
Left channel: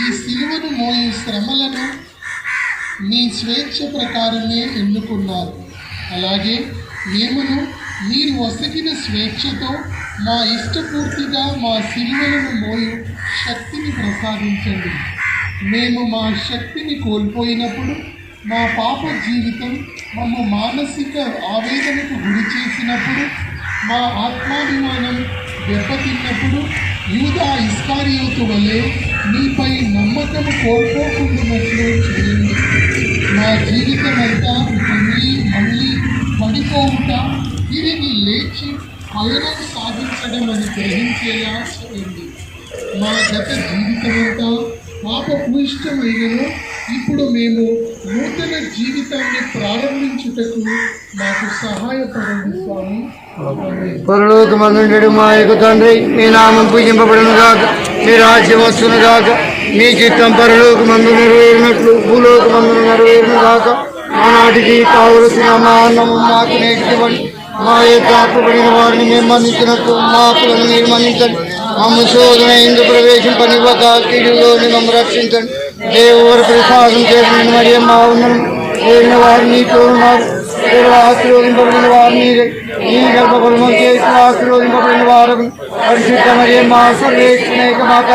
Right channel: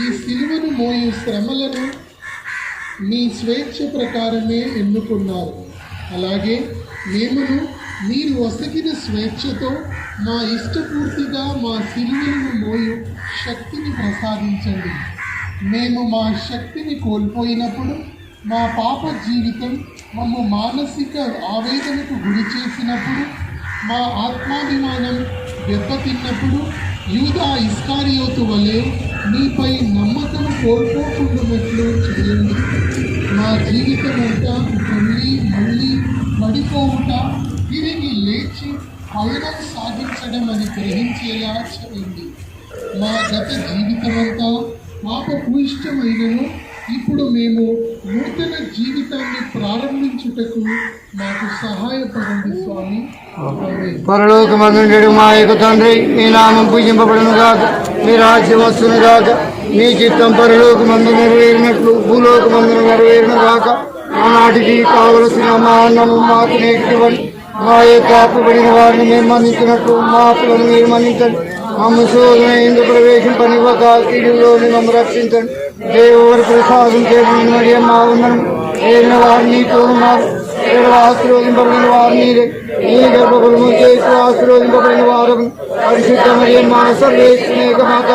ఈ సిలువను మోయు శ్రమలను మీ స్వేచ్ఛ ప్రకారమే ఎన్నుకున్నారు. అలాగే మేమును మీరు ఒసగిన స్వేచ్ఛతో మా ఇష్టపూర్తిగా మా సిలువలను మోయు శక్తిని ప్రసాదించండి. మేము మా శక్తిని కోల్పోయినప్పుడు, మా పాప జీవితం మమ్మ మానసిక ఆవేదనకు గురి చేసినప్పుడు, మా ఆత్మాభిమానం దెబ్బతిన్నప్పుడు యూదా ఇస్కారియోతు వలె మీపై నమ్మకం కోల్పోకుండానట్లు చేయండి. మా జీవితం అంతా మళ్ళీ పడిపోవుట, తిరిగి లేచి పయనం సాధించడం అని గ్రహించేలా చేయండి. మా గత జీవితమంతా పాప భూయిష్టమైనను ఇప్పుడు మేము నూతన జీవితాన్ని ప్రారంభించుటకు మాకు సహాయపడండి స్వామి. ఆమేన్. పరలోకమందుండెడు మా యొక్క తండ్రి, నీ నామం పూజింపబడును గాక, నీ రాజ్యం వచ్చును గాక, నీ చిత్తం పరలోకమందు నెరవేరినట్లు భూలోకమందున నెరవేరును గాక. ఆనాటికి కావలసిన మా అన్నము మాకు నేర్చుకోండి. మా యొక్క అప్పుబడిన వారిని మేము మన్నించినట్టు మా అప్పులను మీరు మన్నించండి. మమ్మ శోధన ఇందు ప్రవేశింపనివ్వక కీడులోని మమ్మ రక్షించండి. దేవుడు ప్రసాదం చేసిన మరియు మా ఉన్నను ఏలిన వారిని తోడున్నారు. ఆశీర్వదింపబడిన వారిని ఈ గర్భఫలము చేసి ఆశీర్వదింపబడిన వారు పరిశుద్ధ మరియు మా సర్వేక్షణేక మాత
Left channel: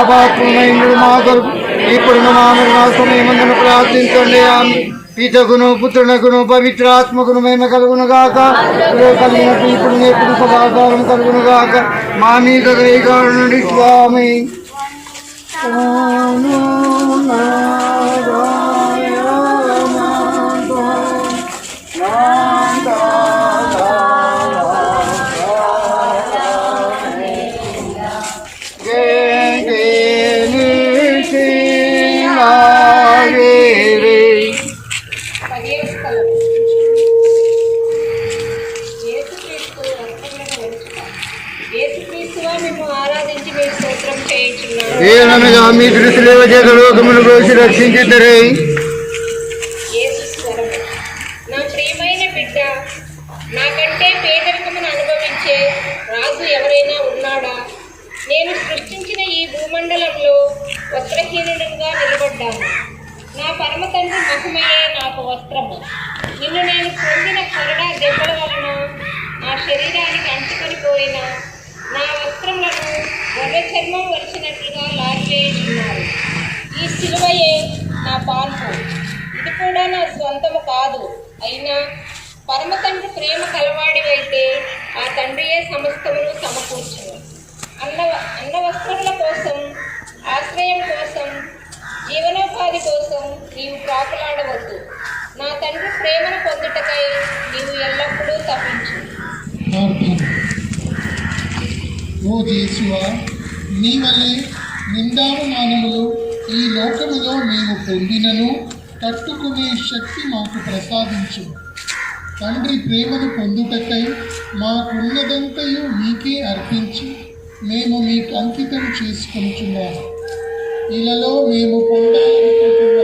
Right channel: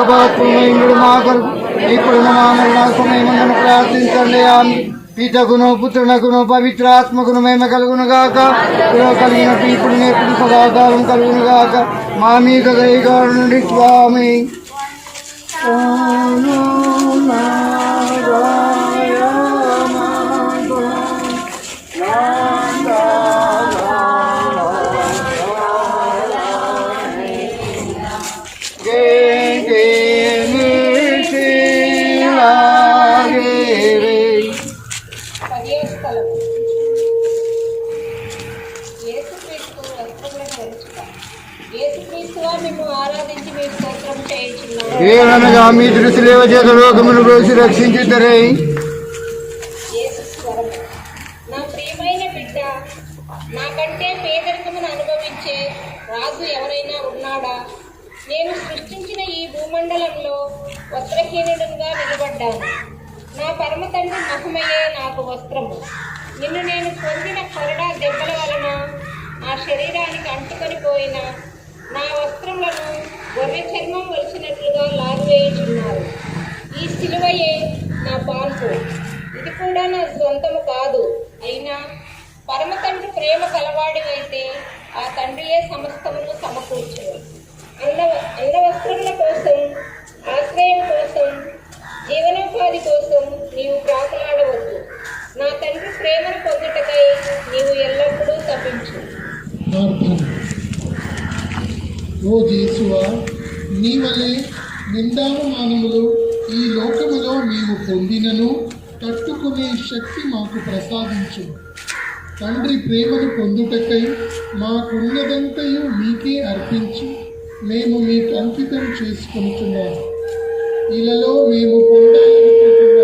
అపాత్మైండు మా కొరకు ఇప్పుడు మా మరణ సమయమందున ప్రార్థించండి. ఆమె పితకును పుత్రునకును పవిత్రాత్మకును మేమ కలుగును గాక. కలిగినట్టు ఇప్పుడు ఎప్పుడు సదాకారం కలుగును గాక. మా మీద దయగాడు నుండి స్వామి. ఏననగా మీ దృష్టిలో జగలోకమును కోసి రక్షించుతారే. నా ప్రియమైన బిడ్డ, నాకంటే పేదరికమును అనుభవించే రాజు ఎవరైనా ఉన్నాడా? నేను సృష్టించిన ఈ భూమండలంలో వస్త్రహీనుడుగా నిలబడ్డాను. నా పరమ తండ్రి మహిమయే నాకు వస్త్రము. నిన్ను నేను పొందిన కొరడా దెబ్బల వలన నా శరీరానికి అంటుకొని పోయిన నా వస్త్రములను గొర్రె చర్మం వలిచినట్లుగా లాగివేయుచున్నారు. ఈ సిలువయే నా పాన్పు. ఇది కూడా నా స్వంతము కాదు. అయినా పరమ తండ్రి ప్రేమ కలవాడివైతే ఆ తండ్రియే సమస్తమును సమకూర్చును. అన్న వస్త్రముల కోసం, ఆశ్రయం కోసం, జీవనోపాధి కోసం నీవు ప్రాకులాడవద్దు. నా తండ్రి ప్రేమను పొందుటకై నీవు ఎల్లప్పుడూ తప్పించు. ఓ యేసువా, నీ వలె నిందావమానములు ఈ లోకములో మేము పొందినను తట్టుకునే శక్తి మాకు ప్రసాదించు. తండ్రి ప్రేమను పొందుటకై మాకున్నదంతయు నీకే అర్పించి మేము మీకు అంకితం చేసుకుంటున్నాము. ఇలలో మేము పొందాలనుకుంటున్న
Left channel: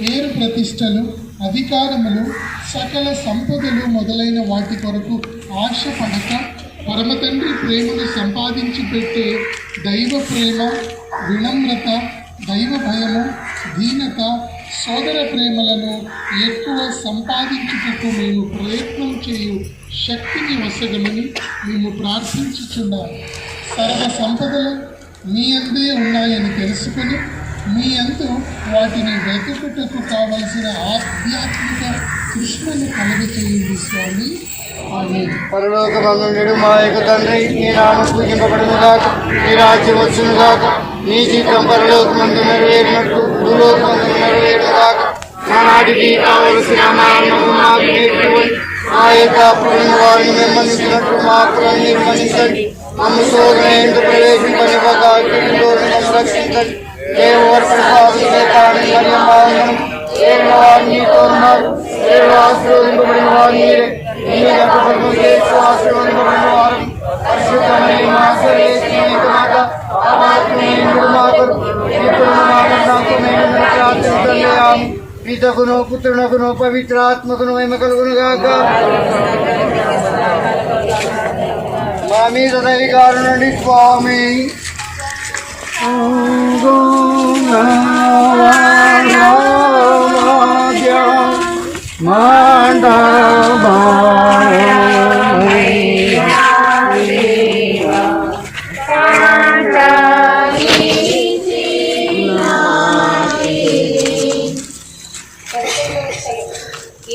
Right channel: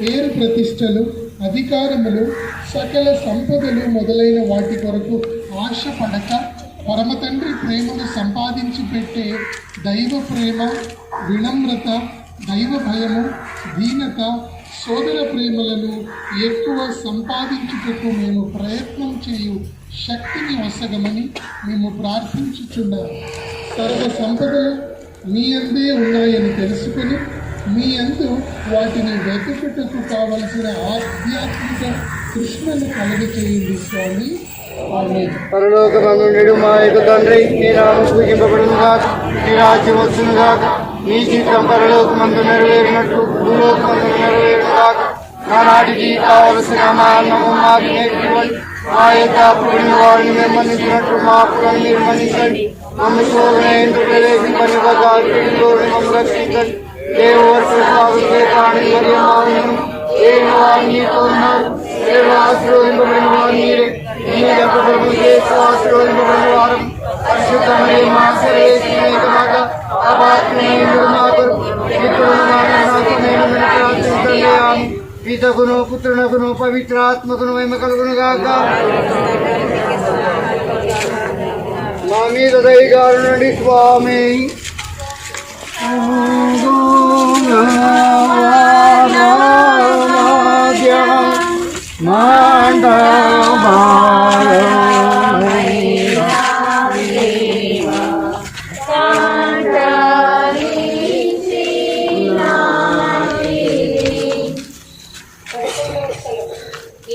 పేరు ప్రతిష్టలు, అధికారములు, సకల సంపదలు మొదలైన వాటి కొరకు ఆశపడక పరమ తండ్రి ప్రేమను సంపాదించి పెట్టే దైవ ప్రేమ, వినమ్రత, దైవ భయము, దీనత, సోదర ప్రేమలను ఎక్కువ సంపాదించుటకు మేము ప్రయత్నం చేయు శక్తిని వసగమని మేము ప్రార్థించుచున్నాము. సర్వ సంపదలు మీ అందే ఉన్నాయని తెలుసుకొని మీ అందు వాటిని వెతుకుటకు కావలసిన ఆధ్యాత్మిక కృష్ణను కలుగచేయండి స్వామి. పరలోకమందుండెడు మా యొక్క తండ్రి, నీ నామం పూజింపబడును గాక, నీ రాజ్యం వచ్చును గాక, నీ చిత్తం పరలోకమందు నెరవేరినట్లు భూలోకమందున నెరవేరును గాక. ఆనాటికి కావలసిన మా అన్నము మాకు నేర్చుకోండి. మా యొక్క అప్పుడున్న వారిని మేము మన్నించినట్లు మా అప్పులను మీరు మన్నించండి. మమ్మ శోధన ఇందు ప్రవేశింపనివ్వక కీడులోని మమ్మ రక్షించండి. దేవుడు ప్రసాదం చేతాన్ని మరియు మా ఉన్నను ఏలిన వారిని నీతో ఉన్నారు. దేవుడు ఆశీర్వదింపబడిన వారు మీరే. ఈ గర్భఫలము చేసి ఆశీర్వదింపబడిన వారు పరిశుద్ధమైన మా సర్వేశ్వరుని మాత అపాత్మైండు మా కొరకు ఇప్పుడు మా నాకు మేము ప్రార్థించండి. ఆమె పితకును పుత్రునకును పవిత్రాత్మకును మహిమ కలుగును గాక. మా మీద దయగాడు నుండి స్వామి.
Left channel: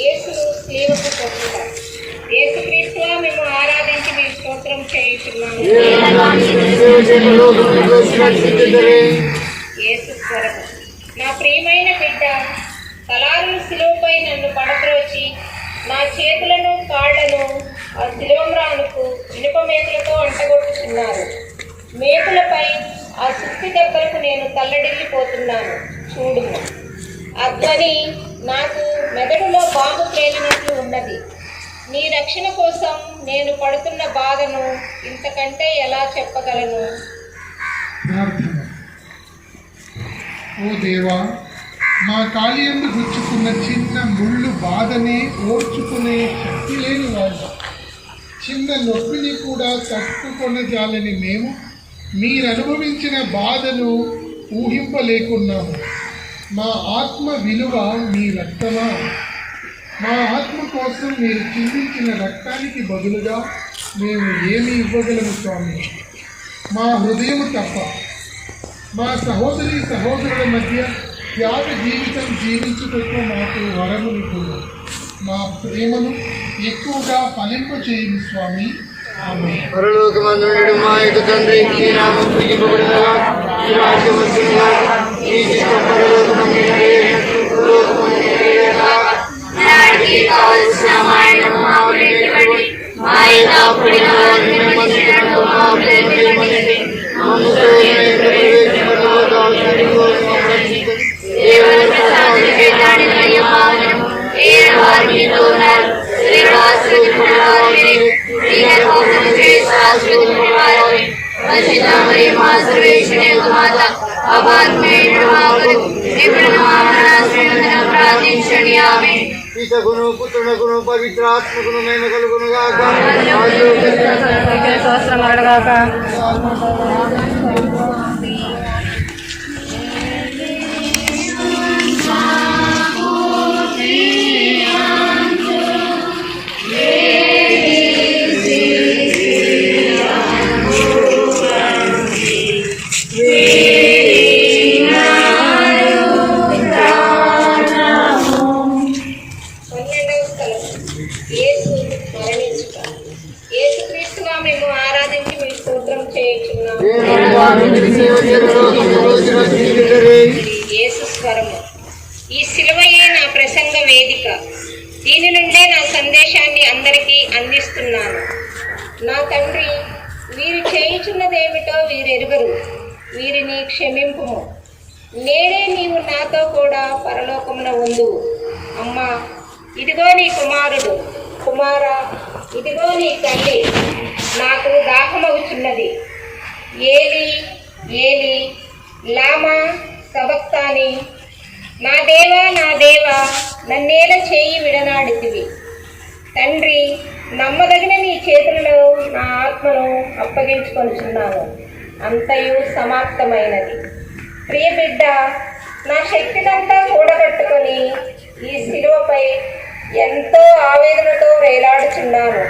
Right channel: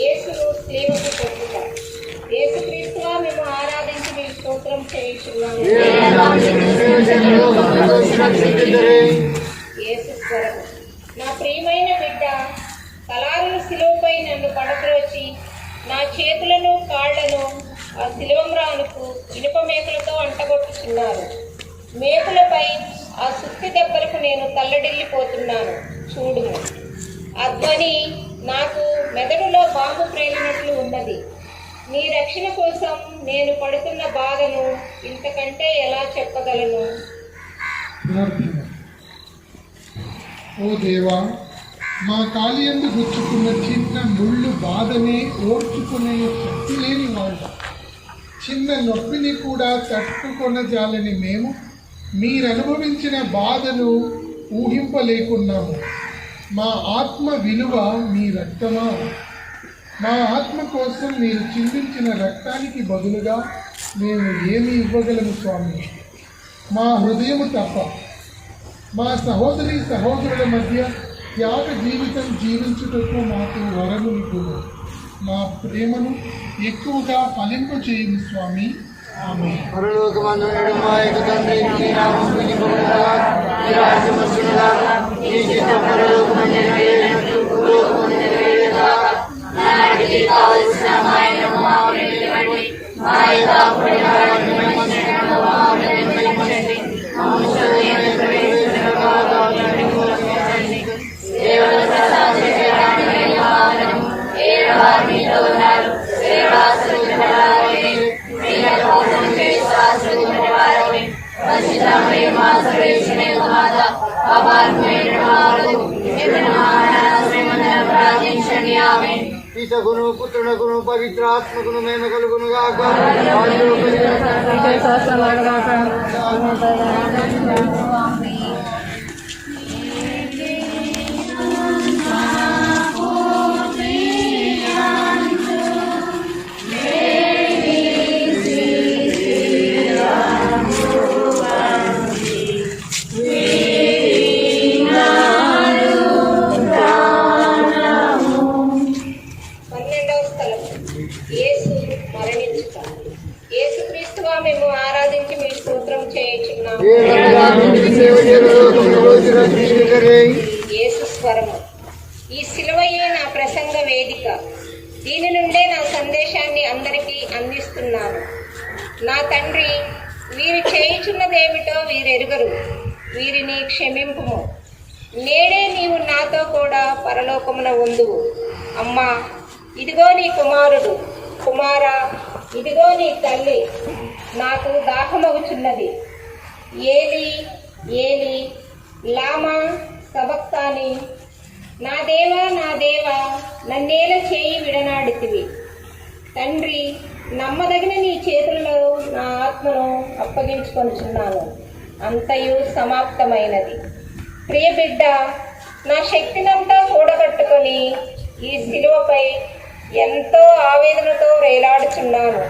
యేసును స్లీవకు కొట్టుట. యేసుక్రీస్తువా, మేము ఆరాధించి మీ స్తోత్రం చేయుచున్నాము. యేసు స్వరం. నా ప్రియమైన బిడ్డ, తలారును సిలువపై నన్ను పడద్రోచి నా చేతులను కాళ్లను ఆ సిలువ మ్రానుకు ఇనుప మేకులతో అంటగొట్టుచున్నారు. మేకులపై ఆ సుత్తి దెబ్బలకు నేను తల్లడిల్లిపోతున్నాను. చూడుము. ఆ ధ్వని నాకు మెదడులో బాంబు ప్రేలినట్లు ఉన్నది. నీ రక్షణ కోసం నేను పడుతున్న బాధను ఇంతకంటే ఎలా చెప్పగలను? ప్రార్థన. ఓ దేవా, మా కాలియందు గుచ్చుకున్న చిన్న ముళ్ళు బాధనే ఓర్చుకునే శక్తి లేని వాళ్ళు, చిన్న నొప్పిని కూడా తట్టుకొనజాలని మేము మీరు అనుభవించిన బాధను ఊహింపలేకున్నాము. మా ఆత్మ విలువ మీ రక్తమా? మా ఆత్మ కోసం మీరు చిందించిన రక్తానికి బదులుగా మేము ఏమి ఇవ్వగలము స్వామి? మా హృదయము తప్ప మా సహోదరి సహోదరుల మధ్య త్యాగ జీవితం జీవించుటకు మాకు వరమునికును. మా ప్రేమను ఎక్కువగా ఫలింపచేయము స్వామి. ఆమేన్. పరలోకమందుండు మా యొక్క తండ్రి, నీ నామం పూజింపబడుగాక, నీ రాజ్యం వచ్చుగాక, నీ చిత్తం పరలోకమందు నెరవేరునట్లు భూలోకమందు నెరవేరుగాక. నాటికి కావలసిన మాయను మాకు నేర్పండి. మా యథార్థమైన వారిని మన్నించడం మాకు నేర్పండి. దేవుని ప్రసాదించే దానిని యమానము ఏడు వారు మీతో ఉన్నారు. శ్రీవాసుని కోసం చేసి ఆశ్రయించబడి రచితమై మా సర్వేశ్వరి మాత అపాత్మైన మాకు ఇప్పుడు మా మరణాశ్రయమున ప్రార్థించండి. ఆమేన్. పితకును పుత్రునకును పవిత్రాత్మకును మేము కలుగునుగాక. యేసు స్వరము. ఈ సిలువయే నా ప్రసంగ వేదిక. దీని నుండే నా సందేశాన్ని అందరికీ అందిస్తున్నాను. నా తండ్రి, వీరు చేయుచున్నదేమిటో వీరెరుగరు. వీరిని క్షమింపుము. నేనే నీవు నాతో కూడా పరలోకమున ఉందువు. అమ్మా, ఇదిగో నీ కుమారుడు. కుమారా, ఇదిగో నీ తల్లి. నాకు దాహమవుచున్నది. ఏలి ఏలి లామా సబక్తాని. నా దేవా నా దేవా, నన్నేల చేయి విడనాడితివి. తండ్రి, నమ్మదగిన నీ చేతులలో నా ఆత్మను అప్పగించుకొనుచున్నాను. అంతయు సమాప్తమైనది. ప్రియ బిడ్డ, నా శక్తినంతా కూడగట్టుకొని ఈ శిలువపై ఎంతో ఆవేదనతో వేలాడుచున్నాను.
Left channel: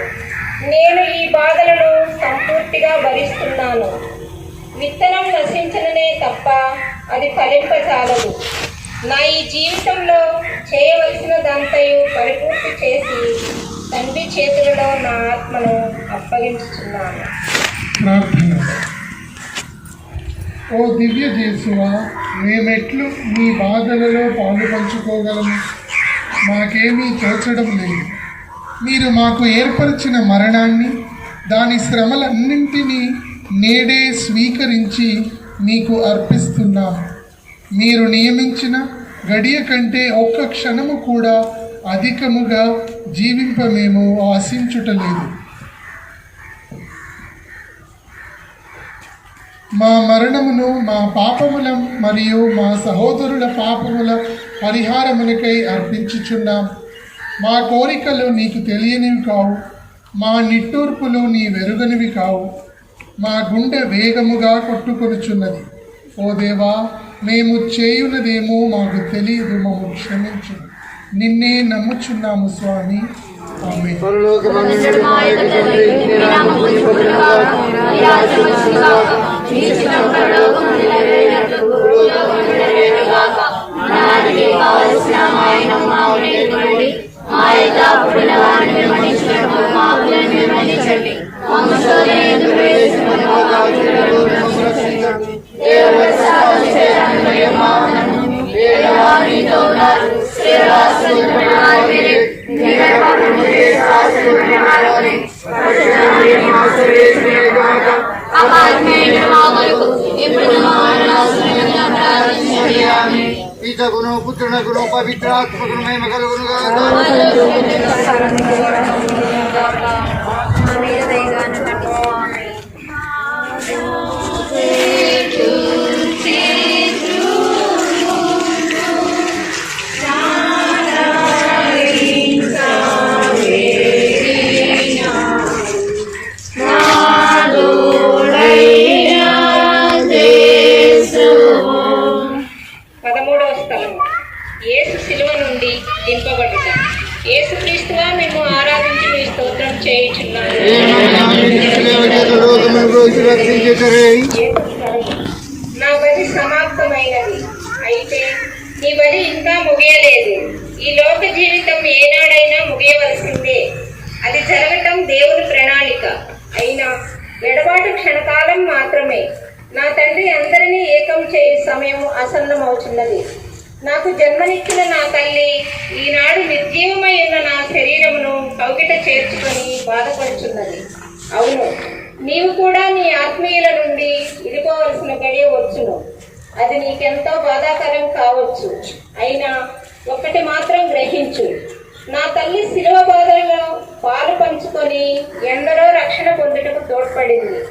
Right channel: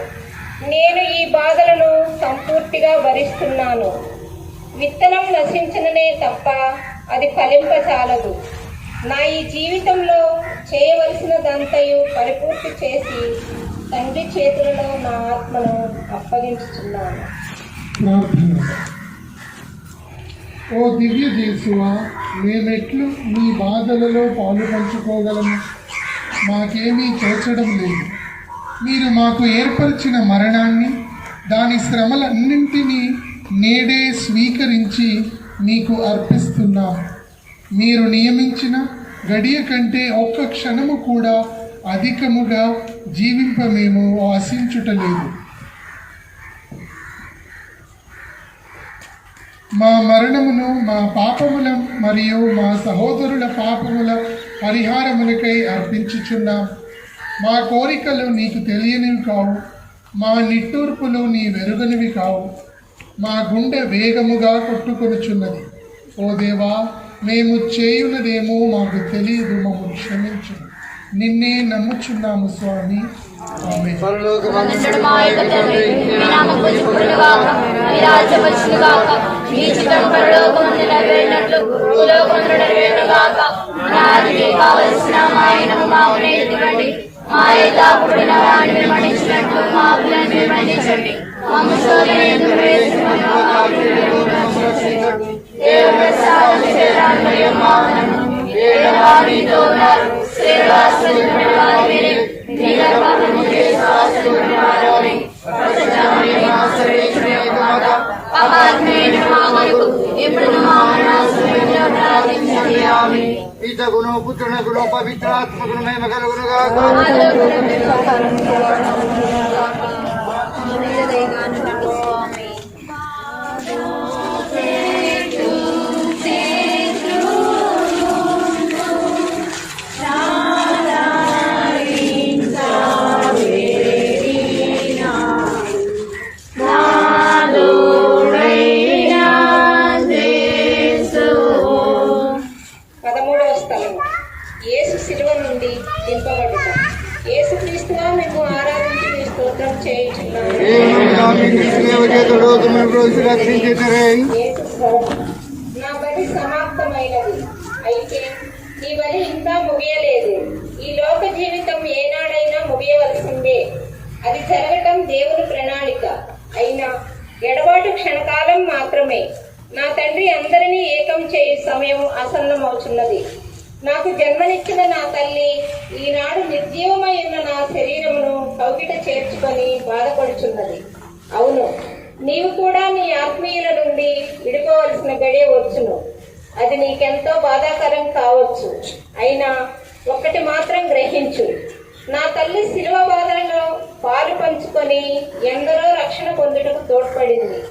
నేను ఈ బాధలను సంపూర్తిగా భరిస్తున్నాను. విత్తనం నశించననే తప్ప అది ఫలింపచాలదు. నా ఈ జీవితంలో చేయవలసిన దాంతయు పరిపూర్తి చేసి తండ్రి చేతులలో నా ఆత్మను అప్పగించుచున్నాను. ప్రార్థన. ఓ దివ్య జేసువా, మేమెట్లు మీ బాధలలో పాలు పంచుకోగలము? మాకేమీ తోచడం లేదు. మీరు మాకు ఏర్పరిచిన మరణాన్ని, దాని శ్రమలన్నింటినీ నేడే స్వీకరించి మీకు అర్పిస్తున్నాం. మీరు నియమించిన గడియ కంటే ఒక్క క్షణము కూడా అధికముగా జీవింప మేము ఆశించుటలేదు. మా మరణమును మా పాపముల మరియు మా సహోదరుల పాపముల పరిహారములకై అర్పించుచున్నాం. మా కోరికలు నీకు తెలియనివి కావు, మా నిట్టూర్పులు నీ వెరుగనివి కావు. మా గుండె వేగముగా కొట్టుకొనుచున్నది. ఓ దేవా, మేము చేయున్నదేమో మాకు తెలియదు, మమ్మల్ని క్షమించు. నిన్నే నమ్ముచున్నాము స్వామి. ఆమేన్. పరలోకమందుండు మా యొక్క తండ్రి, నీ నామం పూజింపబడుగాక, నీ రాజ్యం వచ్చుగాక, నీ చిత్తం పరలోకమందు నెరవేరునట్లు భూలోకమందు నెరవేరుగాక. నాటికి కావలసిన మాయను మాకు నేర్పండి. మా యథార్థమైన వారిని మన్నించినట్లు మా అప్పులను మన్నించండి. మమ్ము శోధన యందు ప్రవేశింపనివ్వక, కీడులో మమ్ము రక్షించండి. దేవుని ప్రసాదం చేయడానికి యెహోవాను యెహోవా నీతో ఉన్నారు. శ్రీవాసుని వారి మీరే నీ గర్భమును చేసి ఆశీర్వదించిన వారిని పరిశుద్ధ మరియమ్మ సర్వేశ్వరుని మాత అపాత్మైన మా కొరకు పితగును పుత్రునకును పవిత్రాత్మకును మహిమ కలుగునుగాక. యేసు శిలువ నుండి దింపబడుట. యేసుక్రీస్తుగా మేము ఆరాధించి మీ స్తోత్రం చేయుచున్నాము. నా బలి సమాప్తమైనది, అయితే నీ బలి ఇంకా ముగియలేదు. ఈ లోక జీవితం ఏనాడైనా ముగియవలసిందే. అది జరగటం దేవుని ప్రణాళిక. అయినా ఎడబాటు క్షణకాలం మాత్రమే. నా తండ్రి అందరినీ ఏకం చేయి సమయం ఆసన్నమవుతున్నది. నాకు జన్మనిచ్చిన నా తల్లి ఈనాడు నిర్జీవమై ఉన్న నా శరీరమును కౌగిట చేర్చుకొని బాధపడుచున్నది. అవును, నీవు కూడా నీ ఆత్మీయుల నుండి విడిపోవలసిన గడియ వచ్చును. అది నీకెంతో బాధాకరం కావచ్చు. అయినా ఒక్కటి మాత్రం గ్రహించు, నా తల్లి శిలువ బాధలను పాలు పంచుకొని ఎందరో రక్షణ పొందుటకు తోడ్పడింది.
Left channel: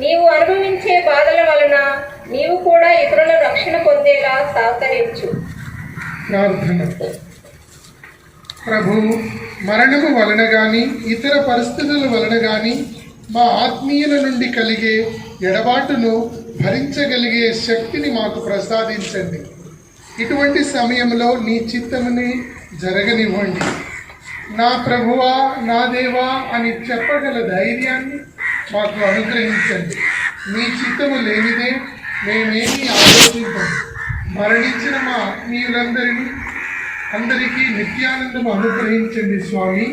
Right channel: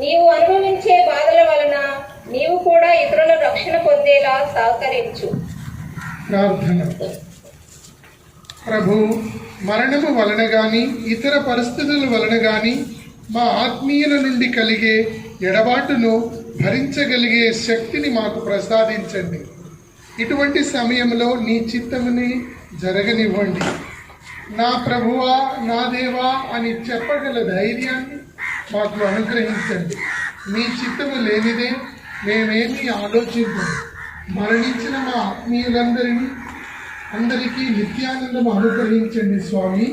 నీవు అనుభవించే బాధల వలన నీవు కూడా ఇతరుల రక్షణ పొందేలా సహకరించు. ప్రార్థన. ప్రభు, మరణము వలన గాని ఇతర పరిస్థితుల వలన గాని మా ఆత్మీయుల నుండి కలిగే ఎడబాటును భరించగలిగే శక్తిని మాకు ప్రసాదించండి. ఇటువంటి సమయంలో నీ చిత్తముని జరగనివ్వండి. నా ప్రభువా, నా దేవా అని చెప్పగల ధైర్యాన్ని మాకు అనుగ్రహించండి. మీ చిత్తము లేనిదే మేమేమీ ఆలోచించము. మరణించిన మా ఆత్మీయులందరికీ నిత్యానందం అనుగ్రహించండి స్వామి.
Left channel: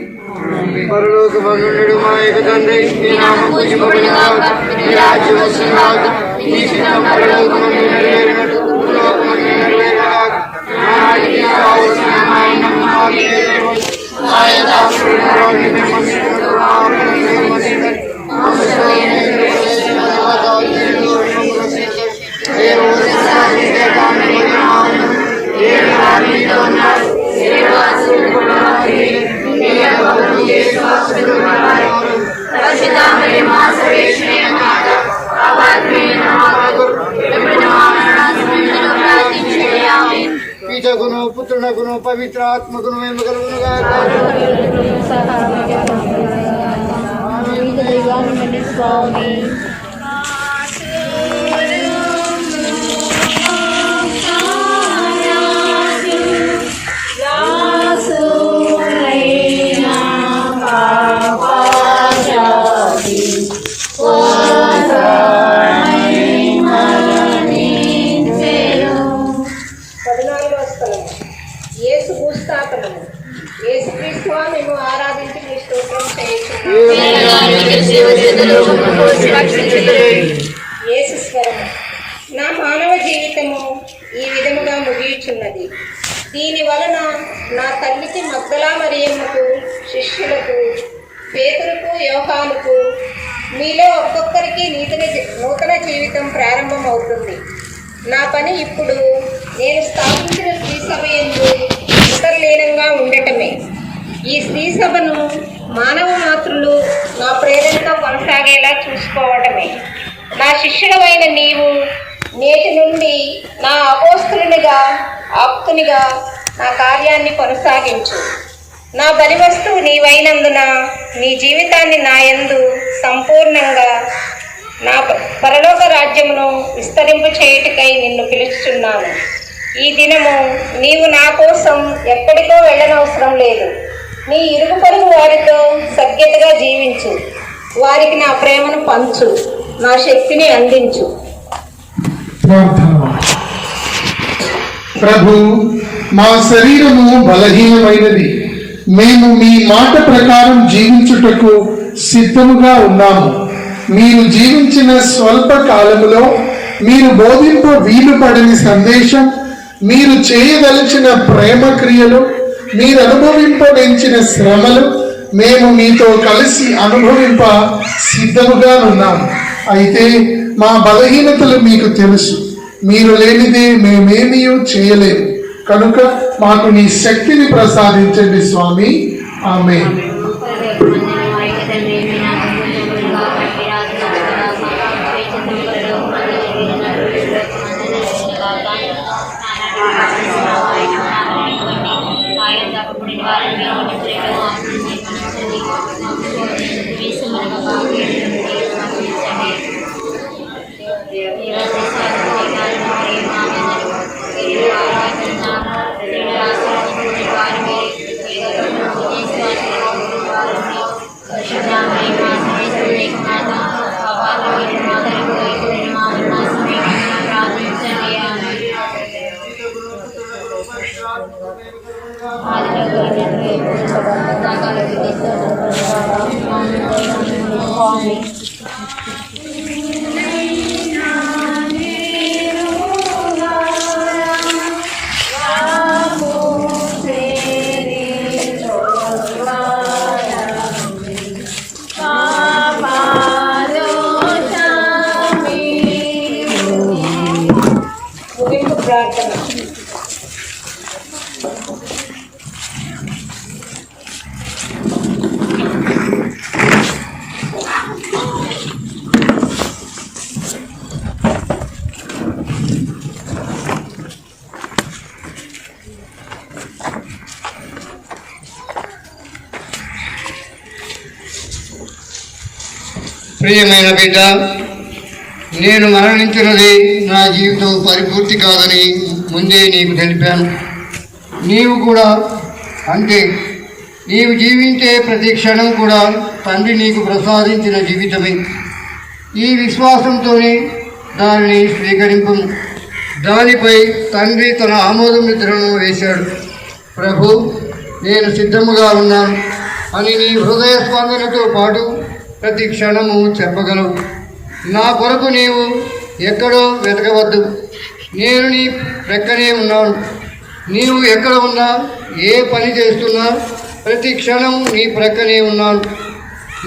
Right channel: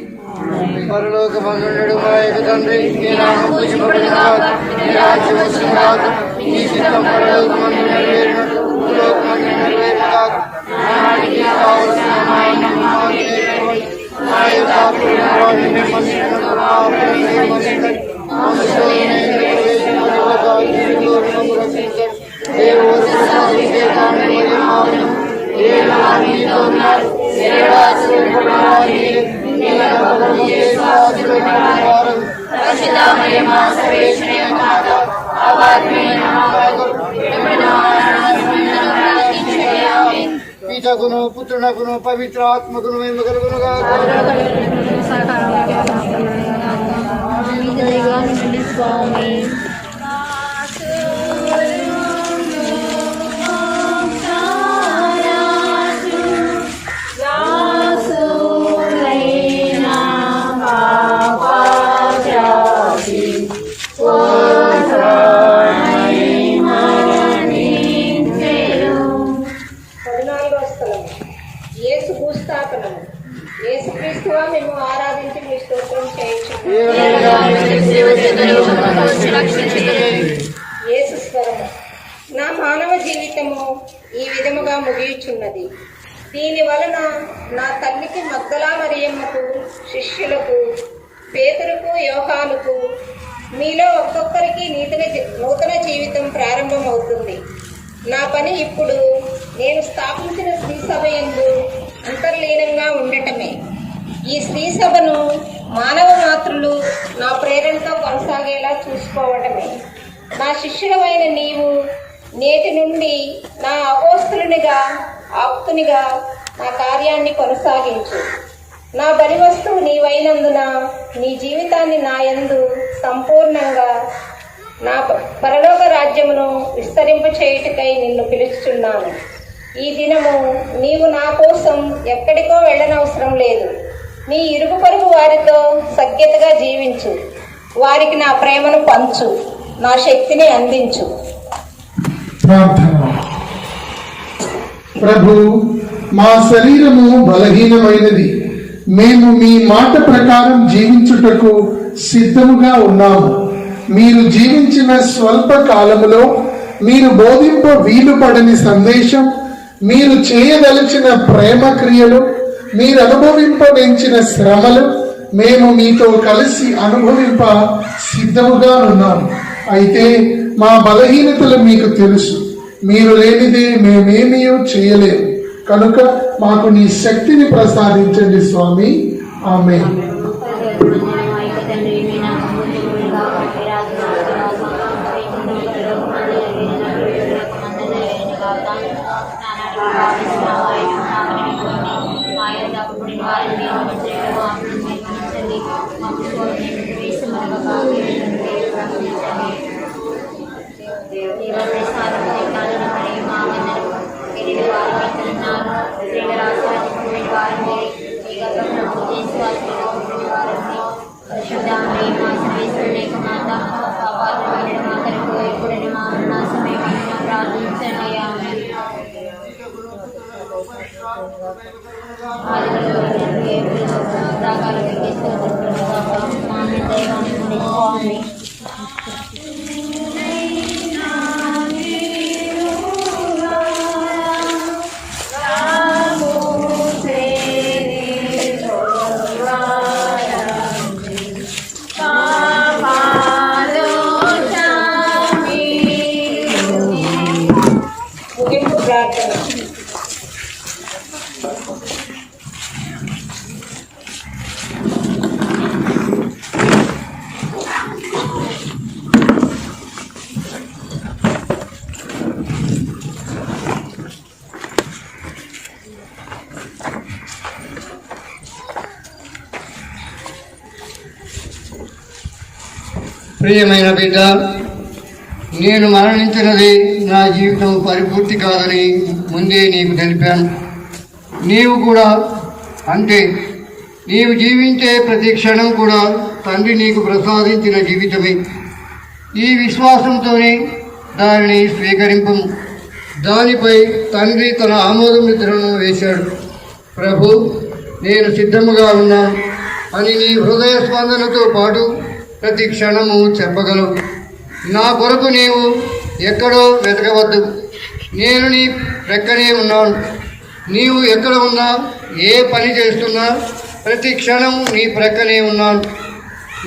పరలోకమందుండు మా యొక్క తండ్రి, నీ నామం పూజింపబడుగాక, నీ రాజ్యం వచ్చుగాక, నీ చిత్తం పరలోకమందు నెరవేరినట్టు భూలోకమందు నెరవేరుగాక. నానాటికి కావలసిన మా అన్నము మాకు నేర్పండి. మా యొక్క అపరాధములను మేము మన్నించుటకు మా అపరాధములను మన్నించండి. మమ్ము శోధనలో ప్రవేశింప తర్వాత కీడులో మమ్ము రక్షించండి. దేవుడు సహాయకుడే కాని మరియమ్మ, దేవుడు మీతో ఉన్నారు. పితగును పుత్రునకును పవిత్రాత్మకును మహిమ కలుగునుగాక. యేసు భూస్థాపనము. యేసుక్రీస్తువా మేము ఆరాధించి మీ స్తోత్రం చేయుచున్నాము. యేసు స్వరము. నా మానవ జీవితము ఈ విధముగా ముగియుచున్నది. దీని వలన నా తల్లికి మగ్దలా మరియమ్మకు, శిష్యులకు, పేతురుకు, యోహానుకు, మీలో ఒక్కొక్కరికి నూతన జీవితం ప్రారంభమవుతుంది. నా పని ఇప్పుడు నేను స్థాపించిన శ్రీసభ యందు అంతర్లీనంగా ఉండటమే. ఈ శ్రీసభను మానవ మాతృలు నా ప్రేరణతో కొనసాగేలా చూసుకోవటమే. నా శిష్యుడమైన నీవు నేటి నుండి నా అపోస్తులునిగా, ఆప్తునిగా నా కార్యాన్ని కొనసాగించు. నా బలి వస్తువు నీవైనందున నీ జీవితాన్ని నా యందు సంపూర్ణంగా నా పరలోక రాజ్యమును విస్తరింపు చేయుటకై నిన్ను పిలుస్తున్నాను. ఈ దినము నీవు నా కోసం ఎక్కడికో వెళ్ళనవసరం లేదు. నీ ఇరుగు పొరుగు వారితో సఖ్యతగా జీవించు. వారికి నా ప్రేమను పంచు, నా శక్తిని అందించు. ప్రభు, మా శరీరము బలహీనమైనది. మేము మీ మాట ప్రకారం జీవించుటకు సిద్ధముగా ఉన్నాము. మీరు జీవించిన స్వల్ప కాలములో మీరు బోధింప వీలు పడని సందేశం, మీరు చేయదలిచిన ప్రేమ క్రియలు, మీరు అనుభవింపనించిన శ్రమలు మేము మీతో కలిసి అనుభవింప సిద్ధముగా ఉన్నాము. అయితే మా బలహీనతలు మీకు తెలుసు. మీరు లేనిదే మేమేమీ చేయలేము. కనుక మాకు నీ శక్తిని ప్రసాదించండి స్వామి. ఆమేన్. ముగింపు ప్రార్థన. ప్రియమైన బిడ్డ, నేను మరణించినది నా జీవితం పరిపూర్తి కాదని ముందే నీకు తెలిపాను. నీవు కూడా అంటే నీవు జీవించే ప్రతి క్షణం కూడా తండ్రి నీకు ప్రసాదించిన జీవితమే. ఈ విశ్వాసంతోనే దానిని స్వీకరింపు. దానిపై తండ్రి తన ఆమోద ముద్రను వేశాడు. ప్రభు, నేను సిద్ధముగా ఉన్నాను అని నీ హృదయ స్పందనతో పాటు ప్రతి క్షణము చెప్పగలవు. నా కొరకు నీవు ఎక్కడో వెతకవద్దు. నేను నీ ప్రక్కనే ఉన్నాను. నీవు ఎక్కడ ఉన్నా, ఏ పని చేస్తున్నా ప్రతి క్షణం నీ ప్రక్కనే ఉన్నాను.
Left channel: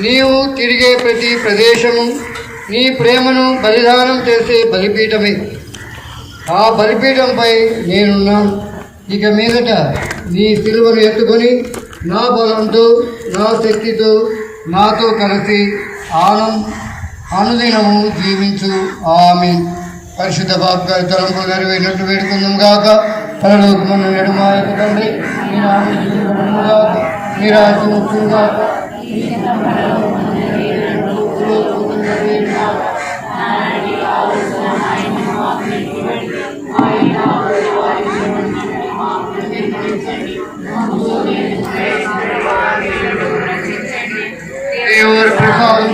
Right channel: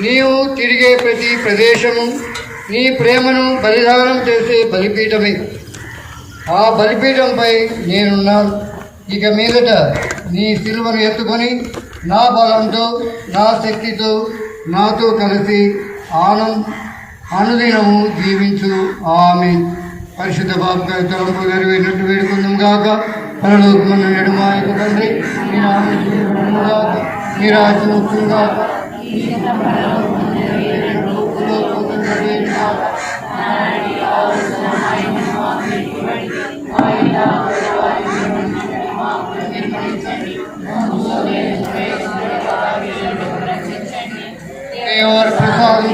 నీవు తిరిగే ప్రతి ప్రదేశము నీ ప్రేమను బలిదానం చేసే బలిపీఠమే. ఆ బలిపీఠంపై నేనున్నాను. ఇక మీదట నీ సిలువను ఎత్తుకొని నా బలంతో, నా శక్తితో నాతో కలిసి అనుదినము జీవించు. ఆమేన్. పరిశుద్ధ బాబు గారి తలంపు నెరవేరినట్టు వేడుకుందాం గాక. పరలోకమున్న నేడు మా యొక్క తండ్రి, మీ నామం పూజింపబడును గాక. మీ రాజ్యం వచ్చును గాక. దేవుని ప్రసాదం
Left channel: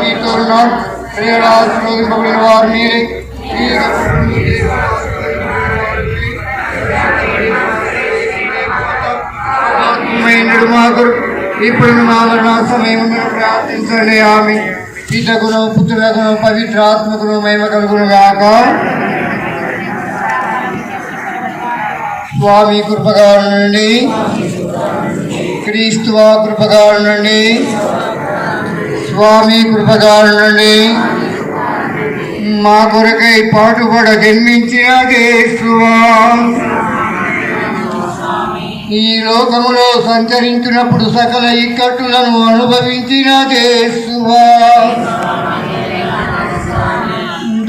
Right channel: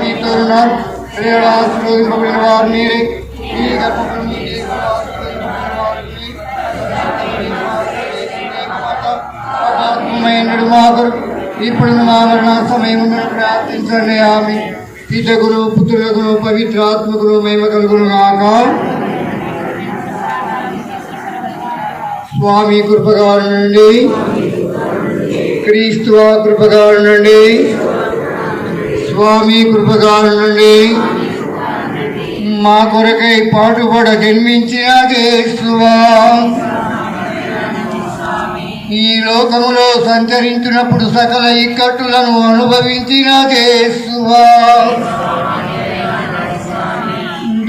మీతో ఉన్నారు. ఆశీర్వదింపబడిన వారు మీరే. మా కొరకు ఇప్పుడు మా మరణ సమయం ప్రార్థించండి. ఆమె పితకును, పుత్రులకును, పవిత్రాత్మకును మహిమ కలుగును గాక. స్వామి కృపగా ఉండండి. క్రీస్తు కృపగా ఉండండి. స్వామి కృపగా ఉండండి. మా కొరకై పాటుపడ జన్మించిన యేసువా, ఈ లోకములో సంచరించినప్పుడు సకల ఇక్కట్టులను అనుభవించిన యేసువా,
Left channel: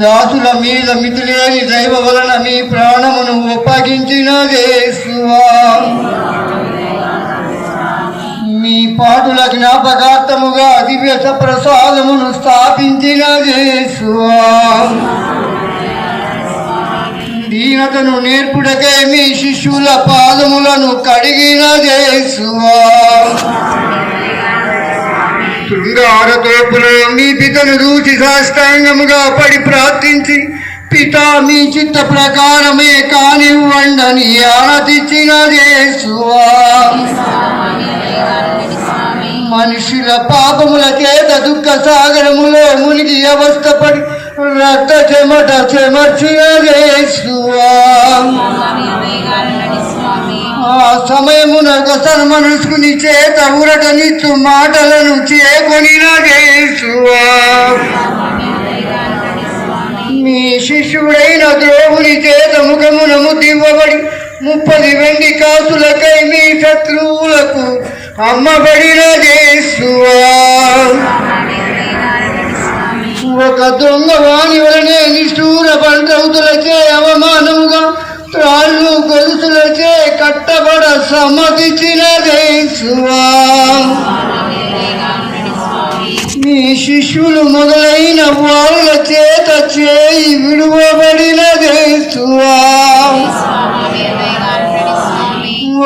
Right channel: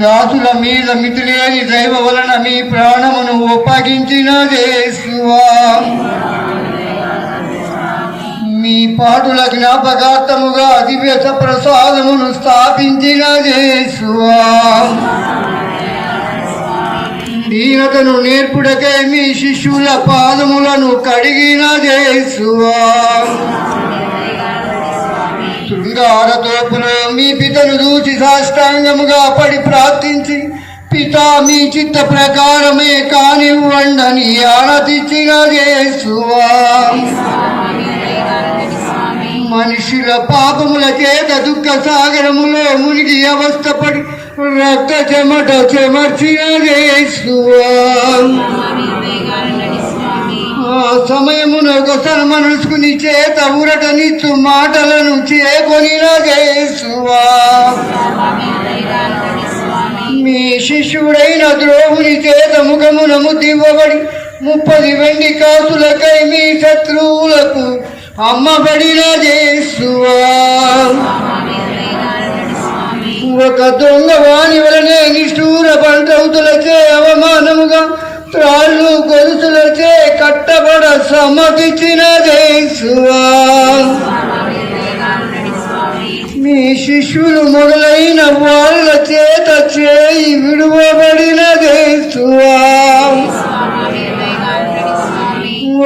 దాసుల మీద మితిలేని దైవ వలన మీ ప్రాణమును ఒప్పగించిన యేసువా, మీ పాటుల జ్ఞాపకార్థముగా దివ్య ప్రసాదమును స్థాపించిన యేసువా, దీనతను నేర్పుడకై మీ శిష్యుల పాదములను కడిగిన యేసువా, శృంగారతోపులో మీ పితను దూచి సాష్టాంగముగా పడి ప్రార్థించి, పితా మీ చిత్త ప్రకారమే కానివ్వండని ఆనతిచ్చిన యేసువా, మనుషుల పాపముల చేత దుఃఖ సాగరములో మునిగి అవస్థపడి రక్త చెమట చెమర్చిన యేసువా, ఆ సమయమున ఒకసారి మనసుకుని చేత ఊరటనిస్తూ మాటలను చేకొనిన యేసువా మీ శిష్యుడైన ద్రోహుని చేత ముఖమున ముద్దివ్వబడి 30 వెండి కాసులకై మీ శత్రువులకు అమ్మబడిన యేసువా ఒక దొంగ వాణి వలనే నిష్ఠూర పంటవుతులచే అవమానముగా త్రాళ్ళు గొలుసులచే కట్టబడ సమ్మతించిన యేసువా మీ శిష్యులు మొదలైన వాళ్ళ చేత చేయి విడువబడిన యేసువా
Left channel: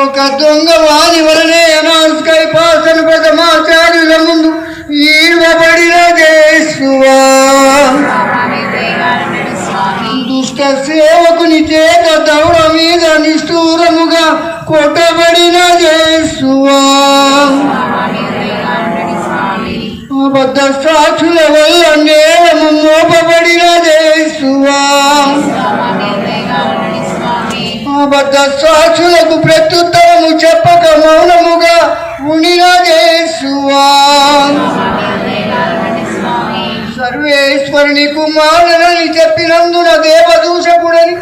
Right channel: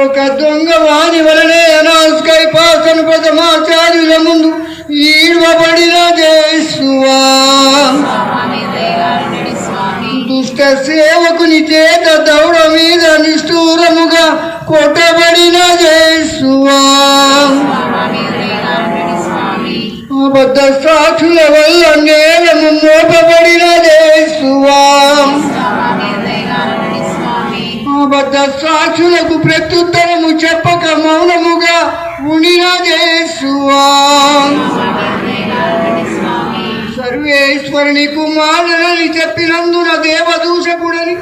ఒక దొంగ వాణి వలనే అనాస్కై పాసన ప్రథమాచార్యుల ముందు ఈడబడిన యేసువా దుష్ట సేవకుని చేత దౌడ మీద నిష్ఠూరముగా కొట్టబడిన యేసువా అబద్ధ సాక్షుల వల్ల నేరము మోపబడిన యేసువా అబద్ధ సాక్షులకు ప్రత్యుత్తరము చెప్పక మౌనముగా ఉండిన యేసువా సర్వేశ్వరుని కుమారుడని చెప్పినందున దేవదూషకుడని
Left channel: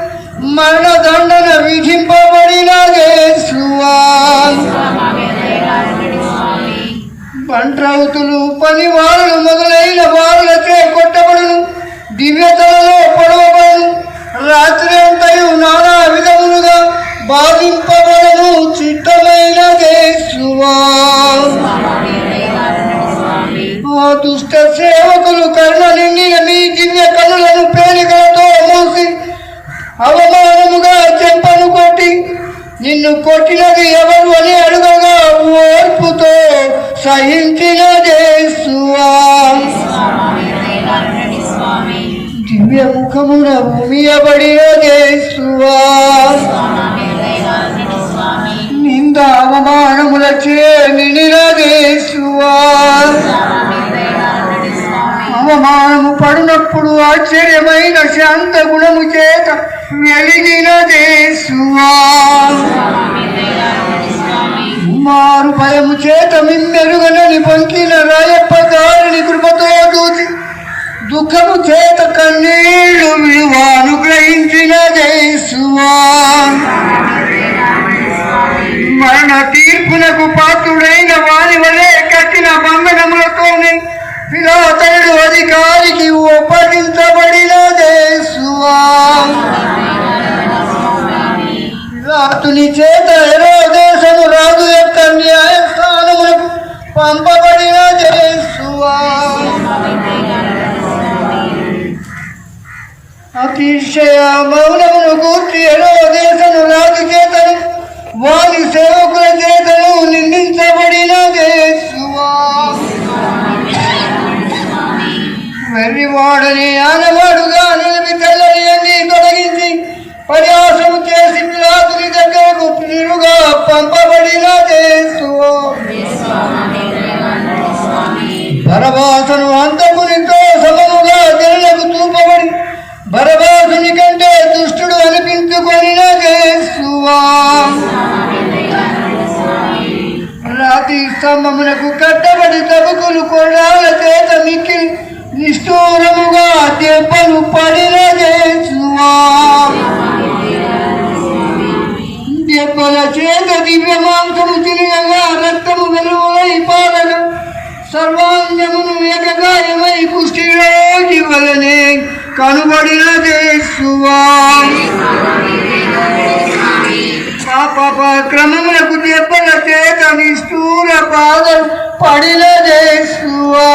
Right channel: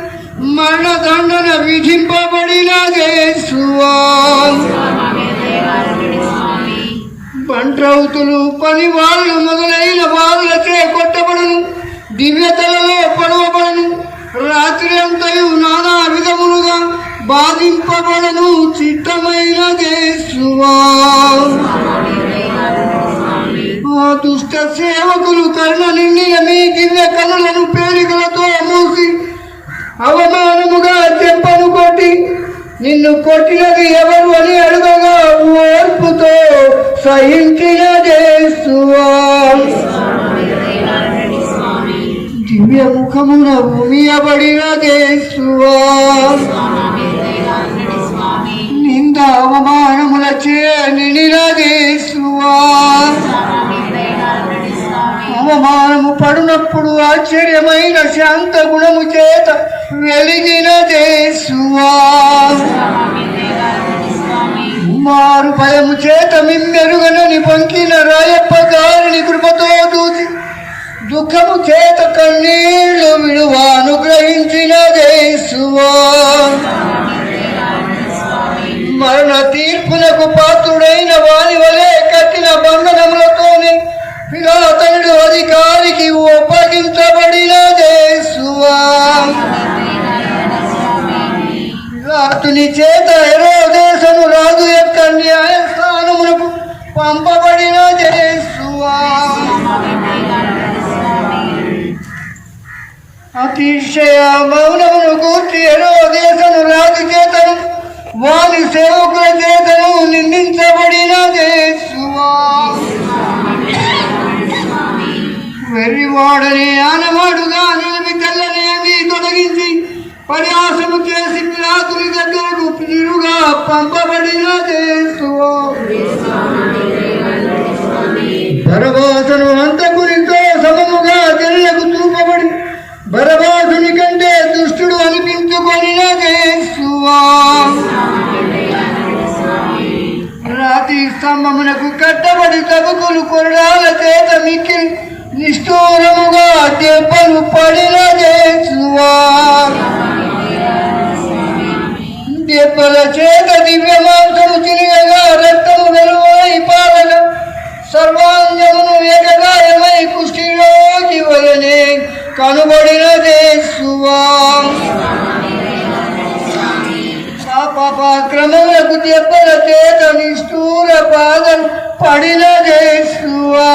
మరణదండన విధింపబడిన యేసువా పంట్రౌతులు పనివారులు మొదలైన వారులచే కొట్టబడును దివ్యతలలో పొడవబడును రాత్రి అంతయు నానా విధములుగా బాధింపబడను చిత్తమైన యేసువా ఆ దుష్ట సేవకులు కర్ణ నిండిన మీ దివ్య కనులను పేలికలతో మూసి అవమానముగా చెంపను కొట్టి నిన్ను కొట్టినది ఎవరు అని అడుగగా ఓర్పుతో సహించిన యేసువా దివ్య ముఖమున భూమియబడిన యేసువా నింద అవమానములచే నిండిన యేసువా అవమానము పడినప్పుడు ఆశ్చర్యమైన శాంత గుణము చేత వెలిగిన యేసువా మారు భయము చేత మిన్నెరుగనని పొంకిన రాయప్ప గారిని కృపతో చూసి దుఃఖము చేత కన్నీళ్లు విలువానుగ్రహించిన యేసువా మరణ తీర్పునకు పాత్రుడైన వారి వలె కట్టిన బంధనములతోనే పిలాతనుడు అధికారికి ఒప్పగించబడిన యేసువా పిలాతుని చేత హెరోదేశము రాజు యొక్క న్యాయస్థానమునకు పంపబడిన యేసువా అతిశయ మౌనమును గూర్చి హెరోదేశము రాజు చేతను వారి సేవకుల చేతను నిందించబడిన యేసువా వెర్రివాడని ఆనవాడుగా నిలిపి తెల్లని అన్ని తొలగించి పరిహాసము చేసి పిలాతుని దగ్గరకు పిలుగా పంపబడిన యేసువా బరబాసును అంతకునితో సమముగా తెల్లకు చూపబడి బరబాసుని కంటే దుష్టుడు అనిపించుకొనిన యేసువా రాతి స్తంభమునకు కట్టబడి తబకులు కొరడాల చేత మిక్కి నిష్ఠూరముగా దెబ్బలు పడిన యేసువా దెబ్బల చేత దివ్య మాంసము తినగా రక్తము వెలువై పాలన సర్వాంగమును ఏకగాయమై కుష్ఠిరోగి వలనే కనుబడిన యేసువా పాప క్రమములకు దెబ్బల చేత నిష్ఠూర పాదలు పడిన యేసువా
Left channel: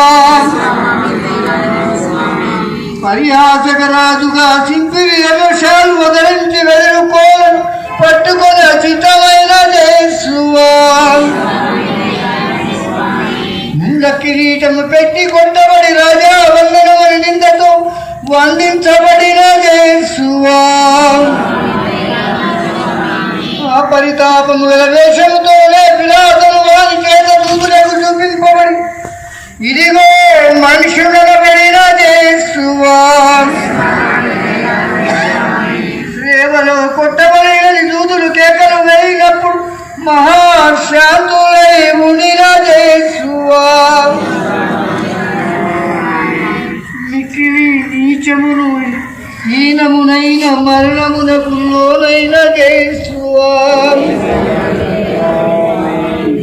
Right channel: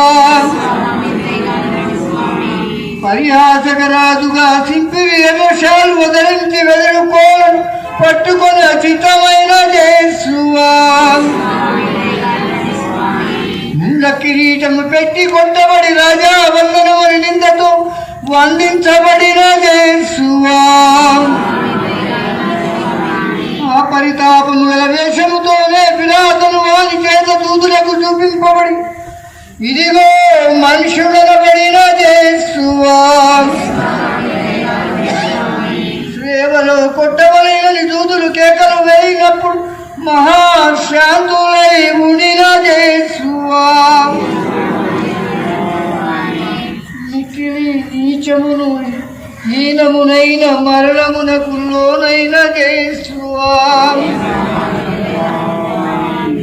పరిహాసక రాజుగా సింపిరి యమశాలు వదలించి వెదురుకోలను పట్టుకొని అచితమైన యేసువా ముళ్ళ కిరీటము పెట్టి కొట్టబడి రాజా వందనమని నిందతో వందించబడిన యేసువా ఆ పరితాపము గల వేషముతోనే పిలాతును వారి చేత దూతులకు చూపింపబడి ఇదిగో మనుషుడనబడిన యేసువా సేవలో కొట్టబడినని దూతులు కేకలు వేయినప్పుడు మహాశాంతులై ఉండిన యేసువా మిక్కిలి నీచమును హీనమునైన మరణమునకు లోనైన యేసువా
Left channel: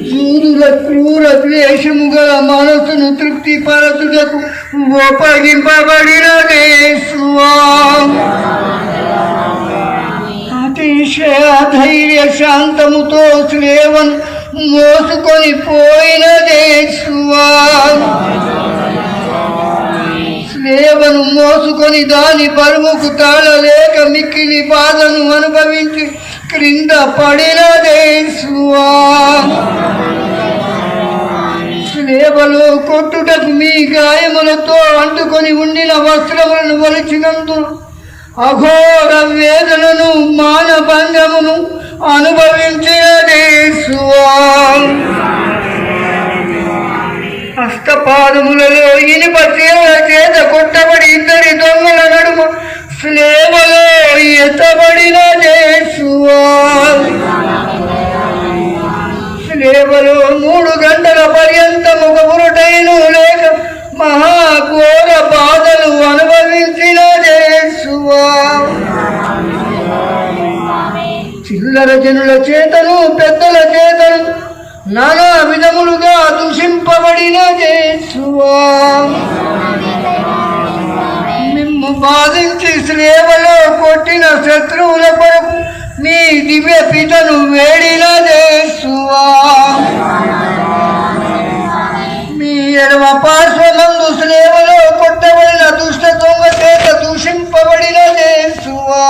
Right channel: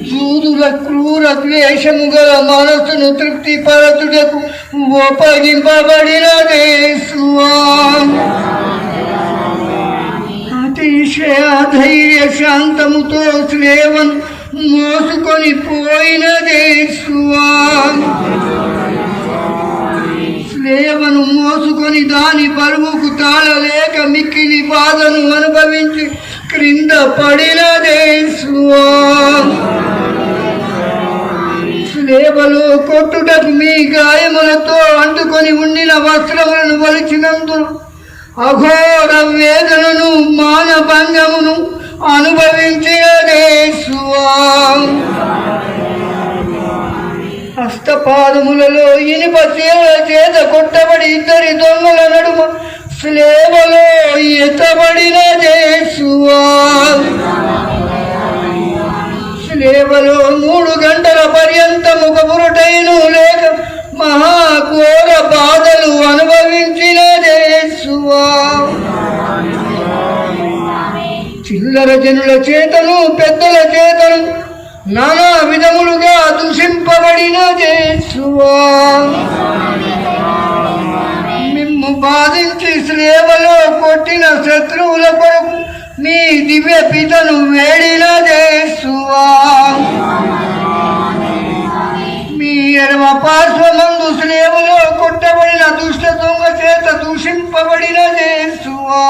జూదుల క్రూర ద్వేషము గల మనసును తృప్తిపరచుటకు ఒప్పగింపబడిన యేసువా అతిశయ ధైర్య శాంతముతో స్లేవను మోసుకొని పోయిన యేసువా స్లేవను మోసుకొని దాని బరువుకు తాళలేక మిక్కిలి బాధను అనుభవించి క్రింద పడిన యేసువా స్లేవలో కొట్టుటకు మీ గాయములతో అందుకొని ఉండిన వస్త్రములను వలిచినందు అఘోర వేదనను మానభంగమును అనుభవించిన యేసువా హస్తపాదములలో ఇనుప తీవ్ర చేత కొట్టబడి ఇద్దరి దొంగల నడుమ స్లేవలో ఎత్తబడిన యేసువా స్లేవలో 3 గంటల పర్యంతము ఒక ఉరుటైను లేక మహాఘోర బాధలు అనుభవించిన యేసువా చిల్లర జనుల చేతను పెద్దల చేతను నానా విధములుగా దూషింపబడిన యేసువా మిమ్ము బాధించి శ్రేవలో కొట్టిన శత్రువుల కొరకు మీ దివ్య పితను వేడిన యేసువా మీ ఎడమ పార్శ్వమందు శ్రేవలో కొట్టబడిన దుష్ట దొంగ చేత దూషింపబడిన యేసువా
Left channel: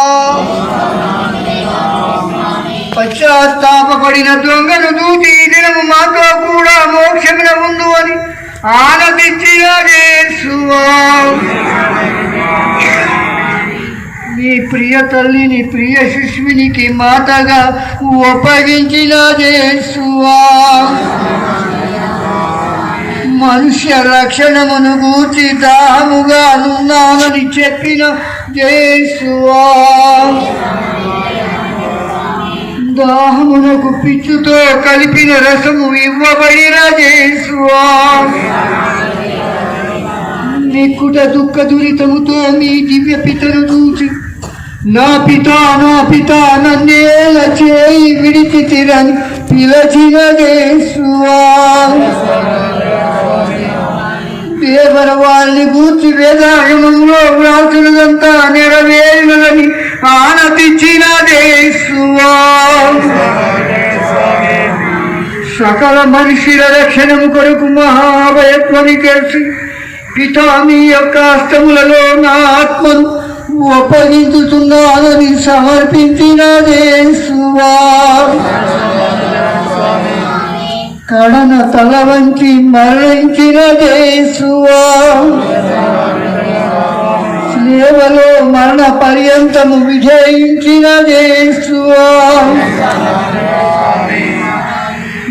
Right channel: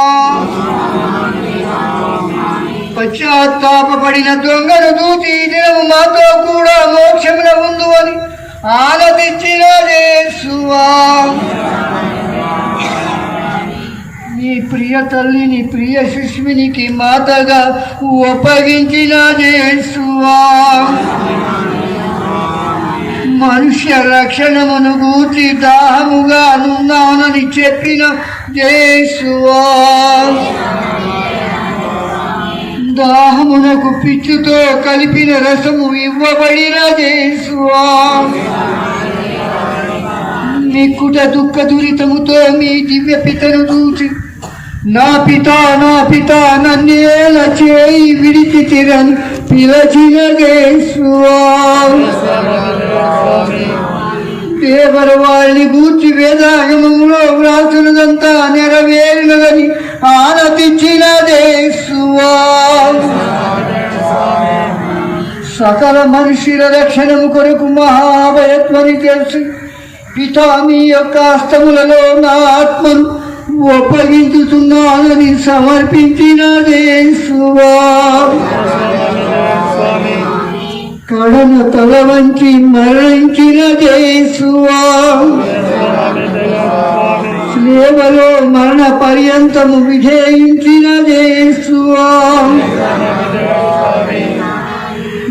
పశ్చాత్తాపడిన దొంగను దూచి ఈ దినము మాతో కూడా మోక్షమున ఉందు అని ఆనందించిన యేసువా మీ ప్రియ తల్లిని ప్రియ శిష్యునికి మాతగా ఒప్పగించిన యేసువా మనుష్య రక్షణమును గూర్చి దాహముగా నున్నానని చెప్పిన యేసువా దాహమునకు పిచ్చుతో కలిపిన రసము ఇవ్వబడిన యేసువా మిక్కుట దుఃఖ దురితముతో మీ దివ్య పితను చూసి నా పిత నన్నేల చేయి విడిచితిరని పిలచిన యేసువా దేవర వారిని గూర్చి వేదాగమంలో వ్రాసులంతా నెరవేరినదని ఆనందించిన యేసువా సకల మనుషుల రక్షణము కొరకు మహాభయత్వని చేసి పితా మీ యొక్క హస్తములలో నా ఆత్మను ఒప్పగించుతున్నానని సమర్పించిన యేసువా కడన తల వంచి మరణించిన యేసువా స్లేవలో మరణ పర్యంతము విజయించిన యేసువా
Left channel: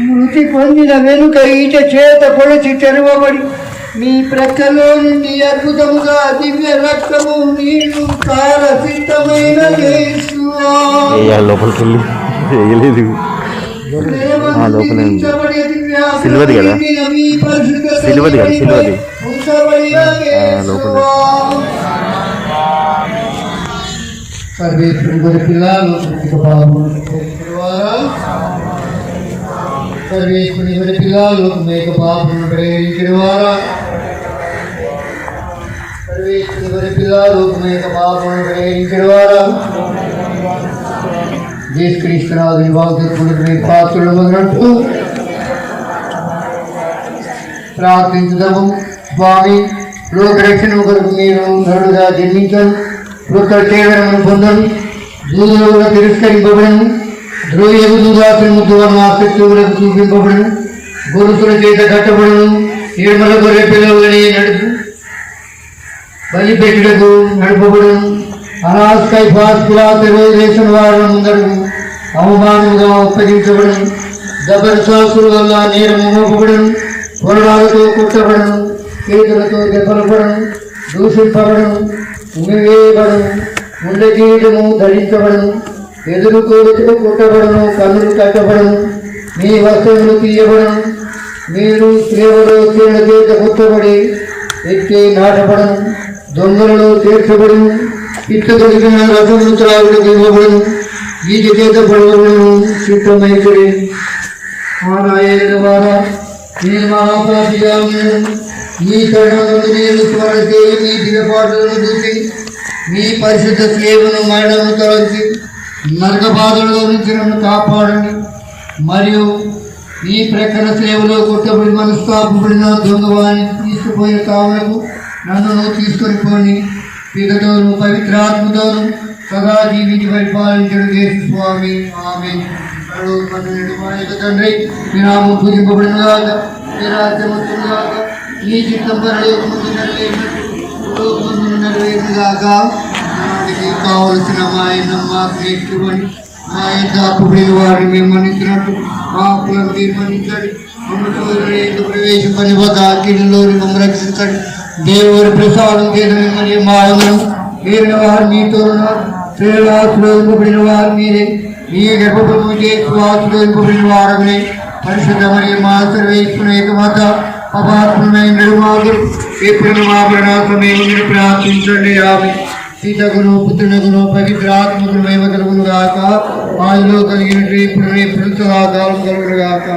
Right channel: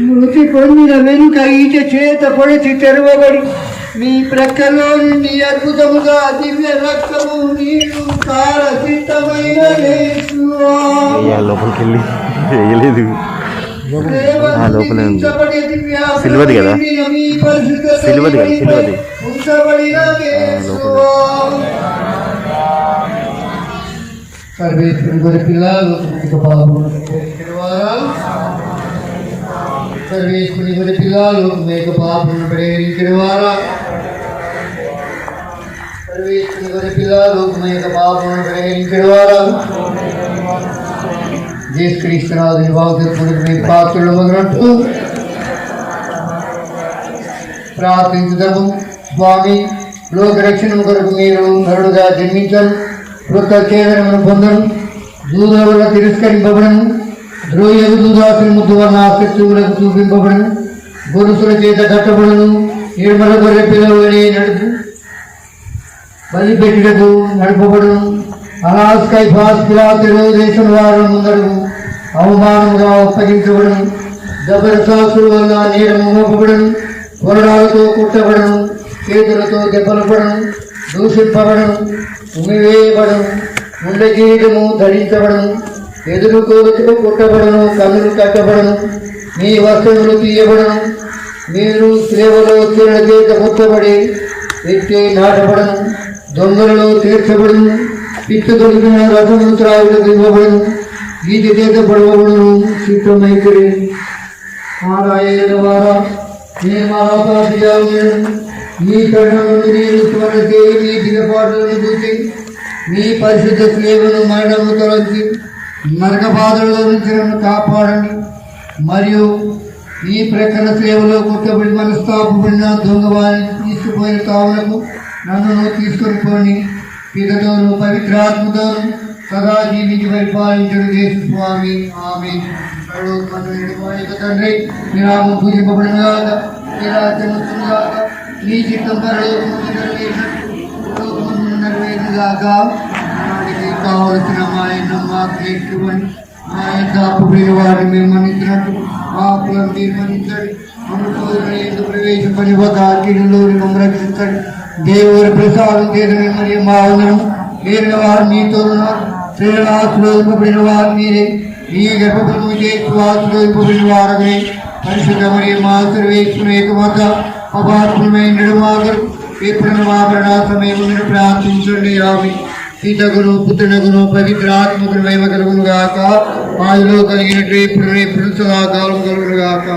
మృతి పొందిన వెనుక ఈట చేత పొడిచి తెరవబడి మీ ప్రక్కలో నుండి అద్భుతముగా దివ్య రక్తము నీరు కాల సిద్ధమైన యేసువా లోపలికి వేయలేదు లోపలే ఉంది సిల్వది కదా సిల్వది లోపల సర్వేశ్వరుడు పిల్లలు సర్వేశ్వరుని పిల్లలు మేక పాపను ప్రేరించిన వారా సర్వేశ్వరుని పిల్లలు మేక పాపను ప్రేరించిన వారా యేసుక్రీస్తునాథుని వాగ్దానములకు మీరు పాత్రులమగునట్లు ప్రార్థించుదాము. స్వామి, లోక రక్షణ కొరకు మీరు నరుడుగా జన్మించను, కృత కేవలమును పొందను, దూరులుగా తిరస్కరింపబడను, ద్రోహులకు దూదాసుని ముద్దువన్న ఆసక్తులకు చూపింపబడను, గొలుసుల చేత కట్టబడను, నిర్మల గొర్రె పిల్లలని నడుపు బలిపెట్టుటకు నడుపబడను, అనాస్కై భాస్కురాతిలో దేశం వారిని ముందరు అవమానముగా అప్పగించబడను, జబర్సాసుల వల్ల నేరము మోపబడను, కొరడాలతో కొట్టబడను, చేతులతో దెబ్బలపడను, దూషింపబడను, ఉమివేయబడను, ఉండగీయడము ధరించబడను, ఎదురు కోరుతో కొట్టబడను, కన్నులు కట్టబడను, మీ వస్త్రములు తీయబడను, మీరు సేవలో కీళ్ళ చేత ముట్టబడి ఎక్కి నాటబడను, దొంగలలో తీర్చబడిను, పిట్ట దొరికిన రసము త్రాగులకు ఇవ్వబడను, ఈజ చేత పడవబడను, చిత్తమైతుడి ఆదాయన ద్వారా నేను మహాపాపిగా ఉన్నాను. మీ కరుణ నుండి నేను స్మరణ చేయి, మీ దిగపాటులను చూసి మీ పరిశుద్ధ సేవను మరణము తలంచి నరక బాధల్లో నుంచి నన్ను కాపాడండి. మరియు ఈ ప్రక్కన సేవలో కొట్టబడి మనస్తాపబడిన దొంగవాణి తీసుకుపోయిన కావులకు నన్ను తీసుకొని పోని పితతోను పవిత్రాత్మతోను సదా జీవించి పరిపాలించడం చేసి స్వామి. ఆమె తండ్రి మీ నామం పూజింపబడిన కాక, మీ రాజ్యం వస్తుంది కాక, మీ చిత్తం పరలోకమందు నెరవేరును గాక. వాటికి కావలసిన మా మాకు నేర్చుకోండి, మా యొక్క అప్పుబడిన వారిని మేము మన్నించినట్టు మా అప్పులను మీరు మన్నించండి. ప్రవేశపని ఒక అగ్నిలోని మమ్మల్ని రక్షించండి. దేవుని ప్రసాదం చేత మిమ్మల్ని మా అందరం వీరిన వారు మీతో ఉన్నారు. శ్రేణాశ్రోయింపబడిన వారు మీరే, మీ గర్భము శ్వాసలోయింపబడిన వారమే. పరిశుద్ధ మరియు మా సర్వేశ్వర ఏకమాత అపాత్మైన మాకు ఎప్పుడు మా ప్రణాత్మేమని ప్రార్థించండి. ఆమె సీతకును పుత్రునకును పవిత్రాత్మకును మహిమ కలుగును గాక. ఆదిలో కలిగినట్టు ఇప్పుడు ఎప్పుడు సదాకాలం కలుగును గాక.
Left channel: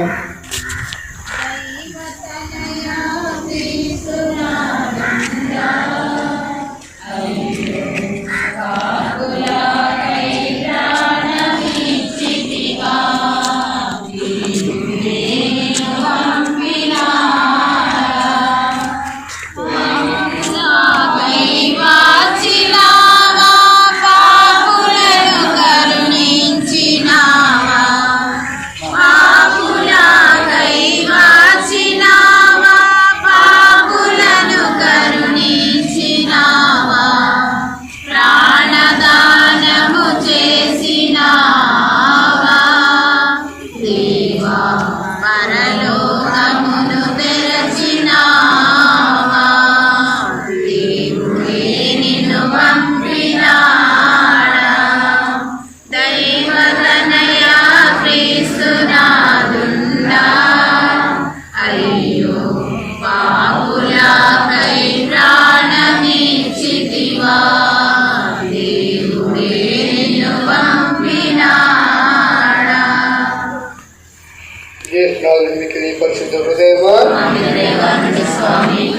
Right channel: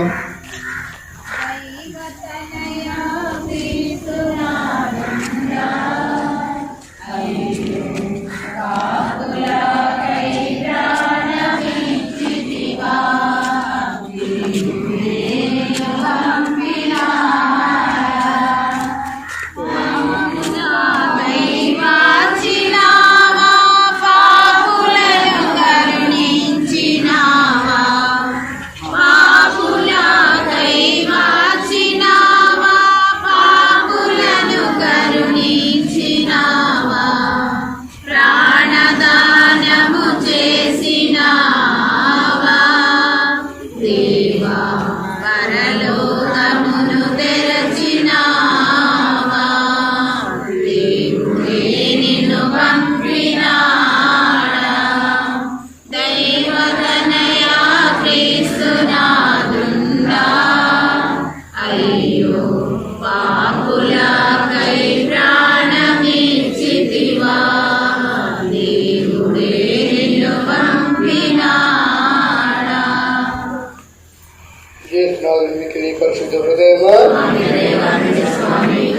పరిశుద్ధ హృదయమా,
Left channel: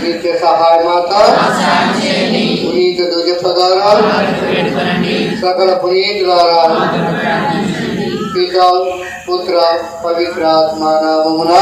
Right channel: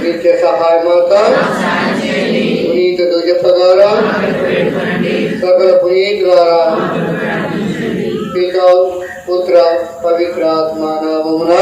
నిత్య సహాయ మాత, పునీత దుజపగారా, సకల పునీతులారా, పిత పుత్ర పవిత్రాత్మ నామమున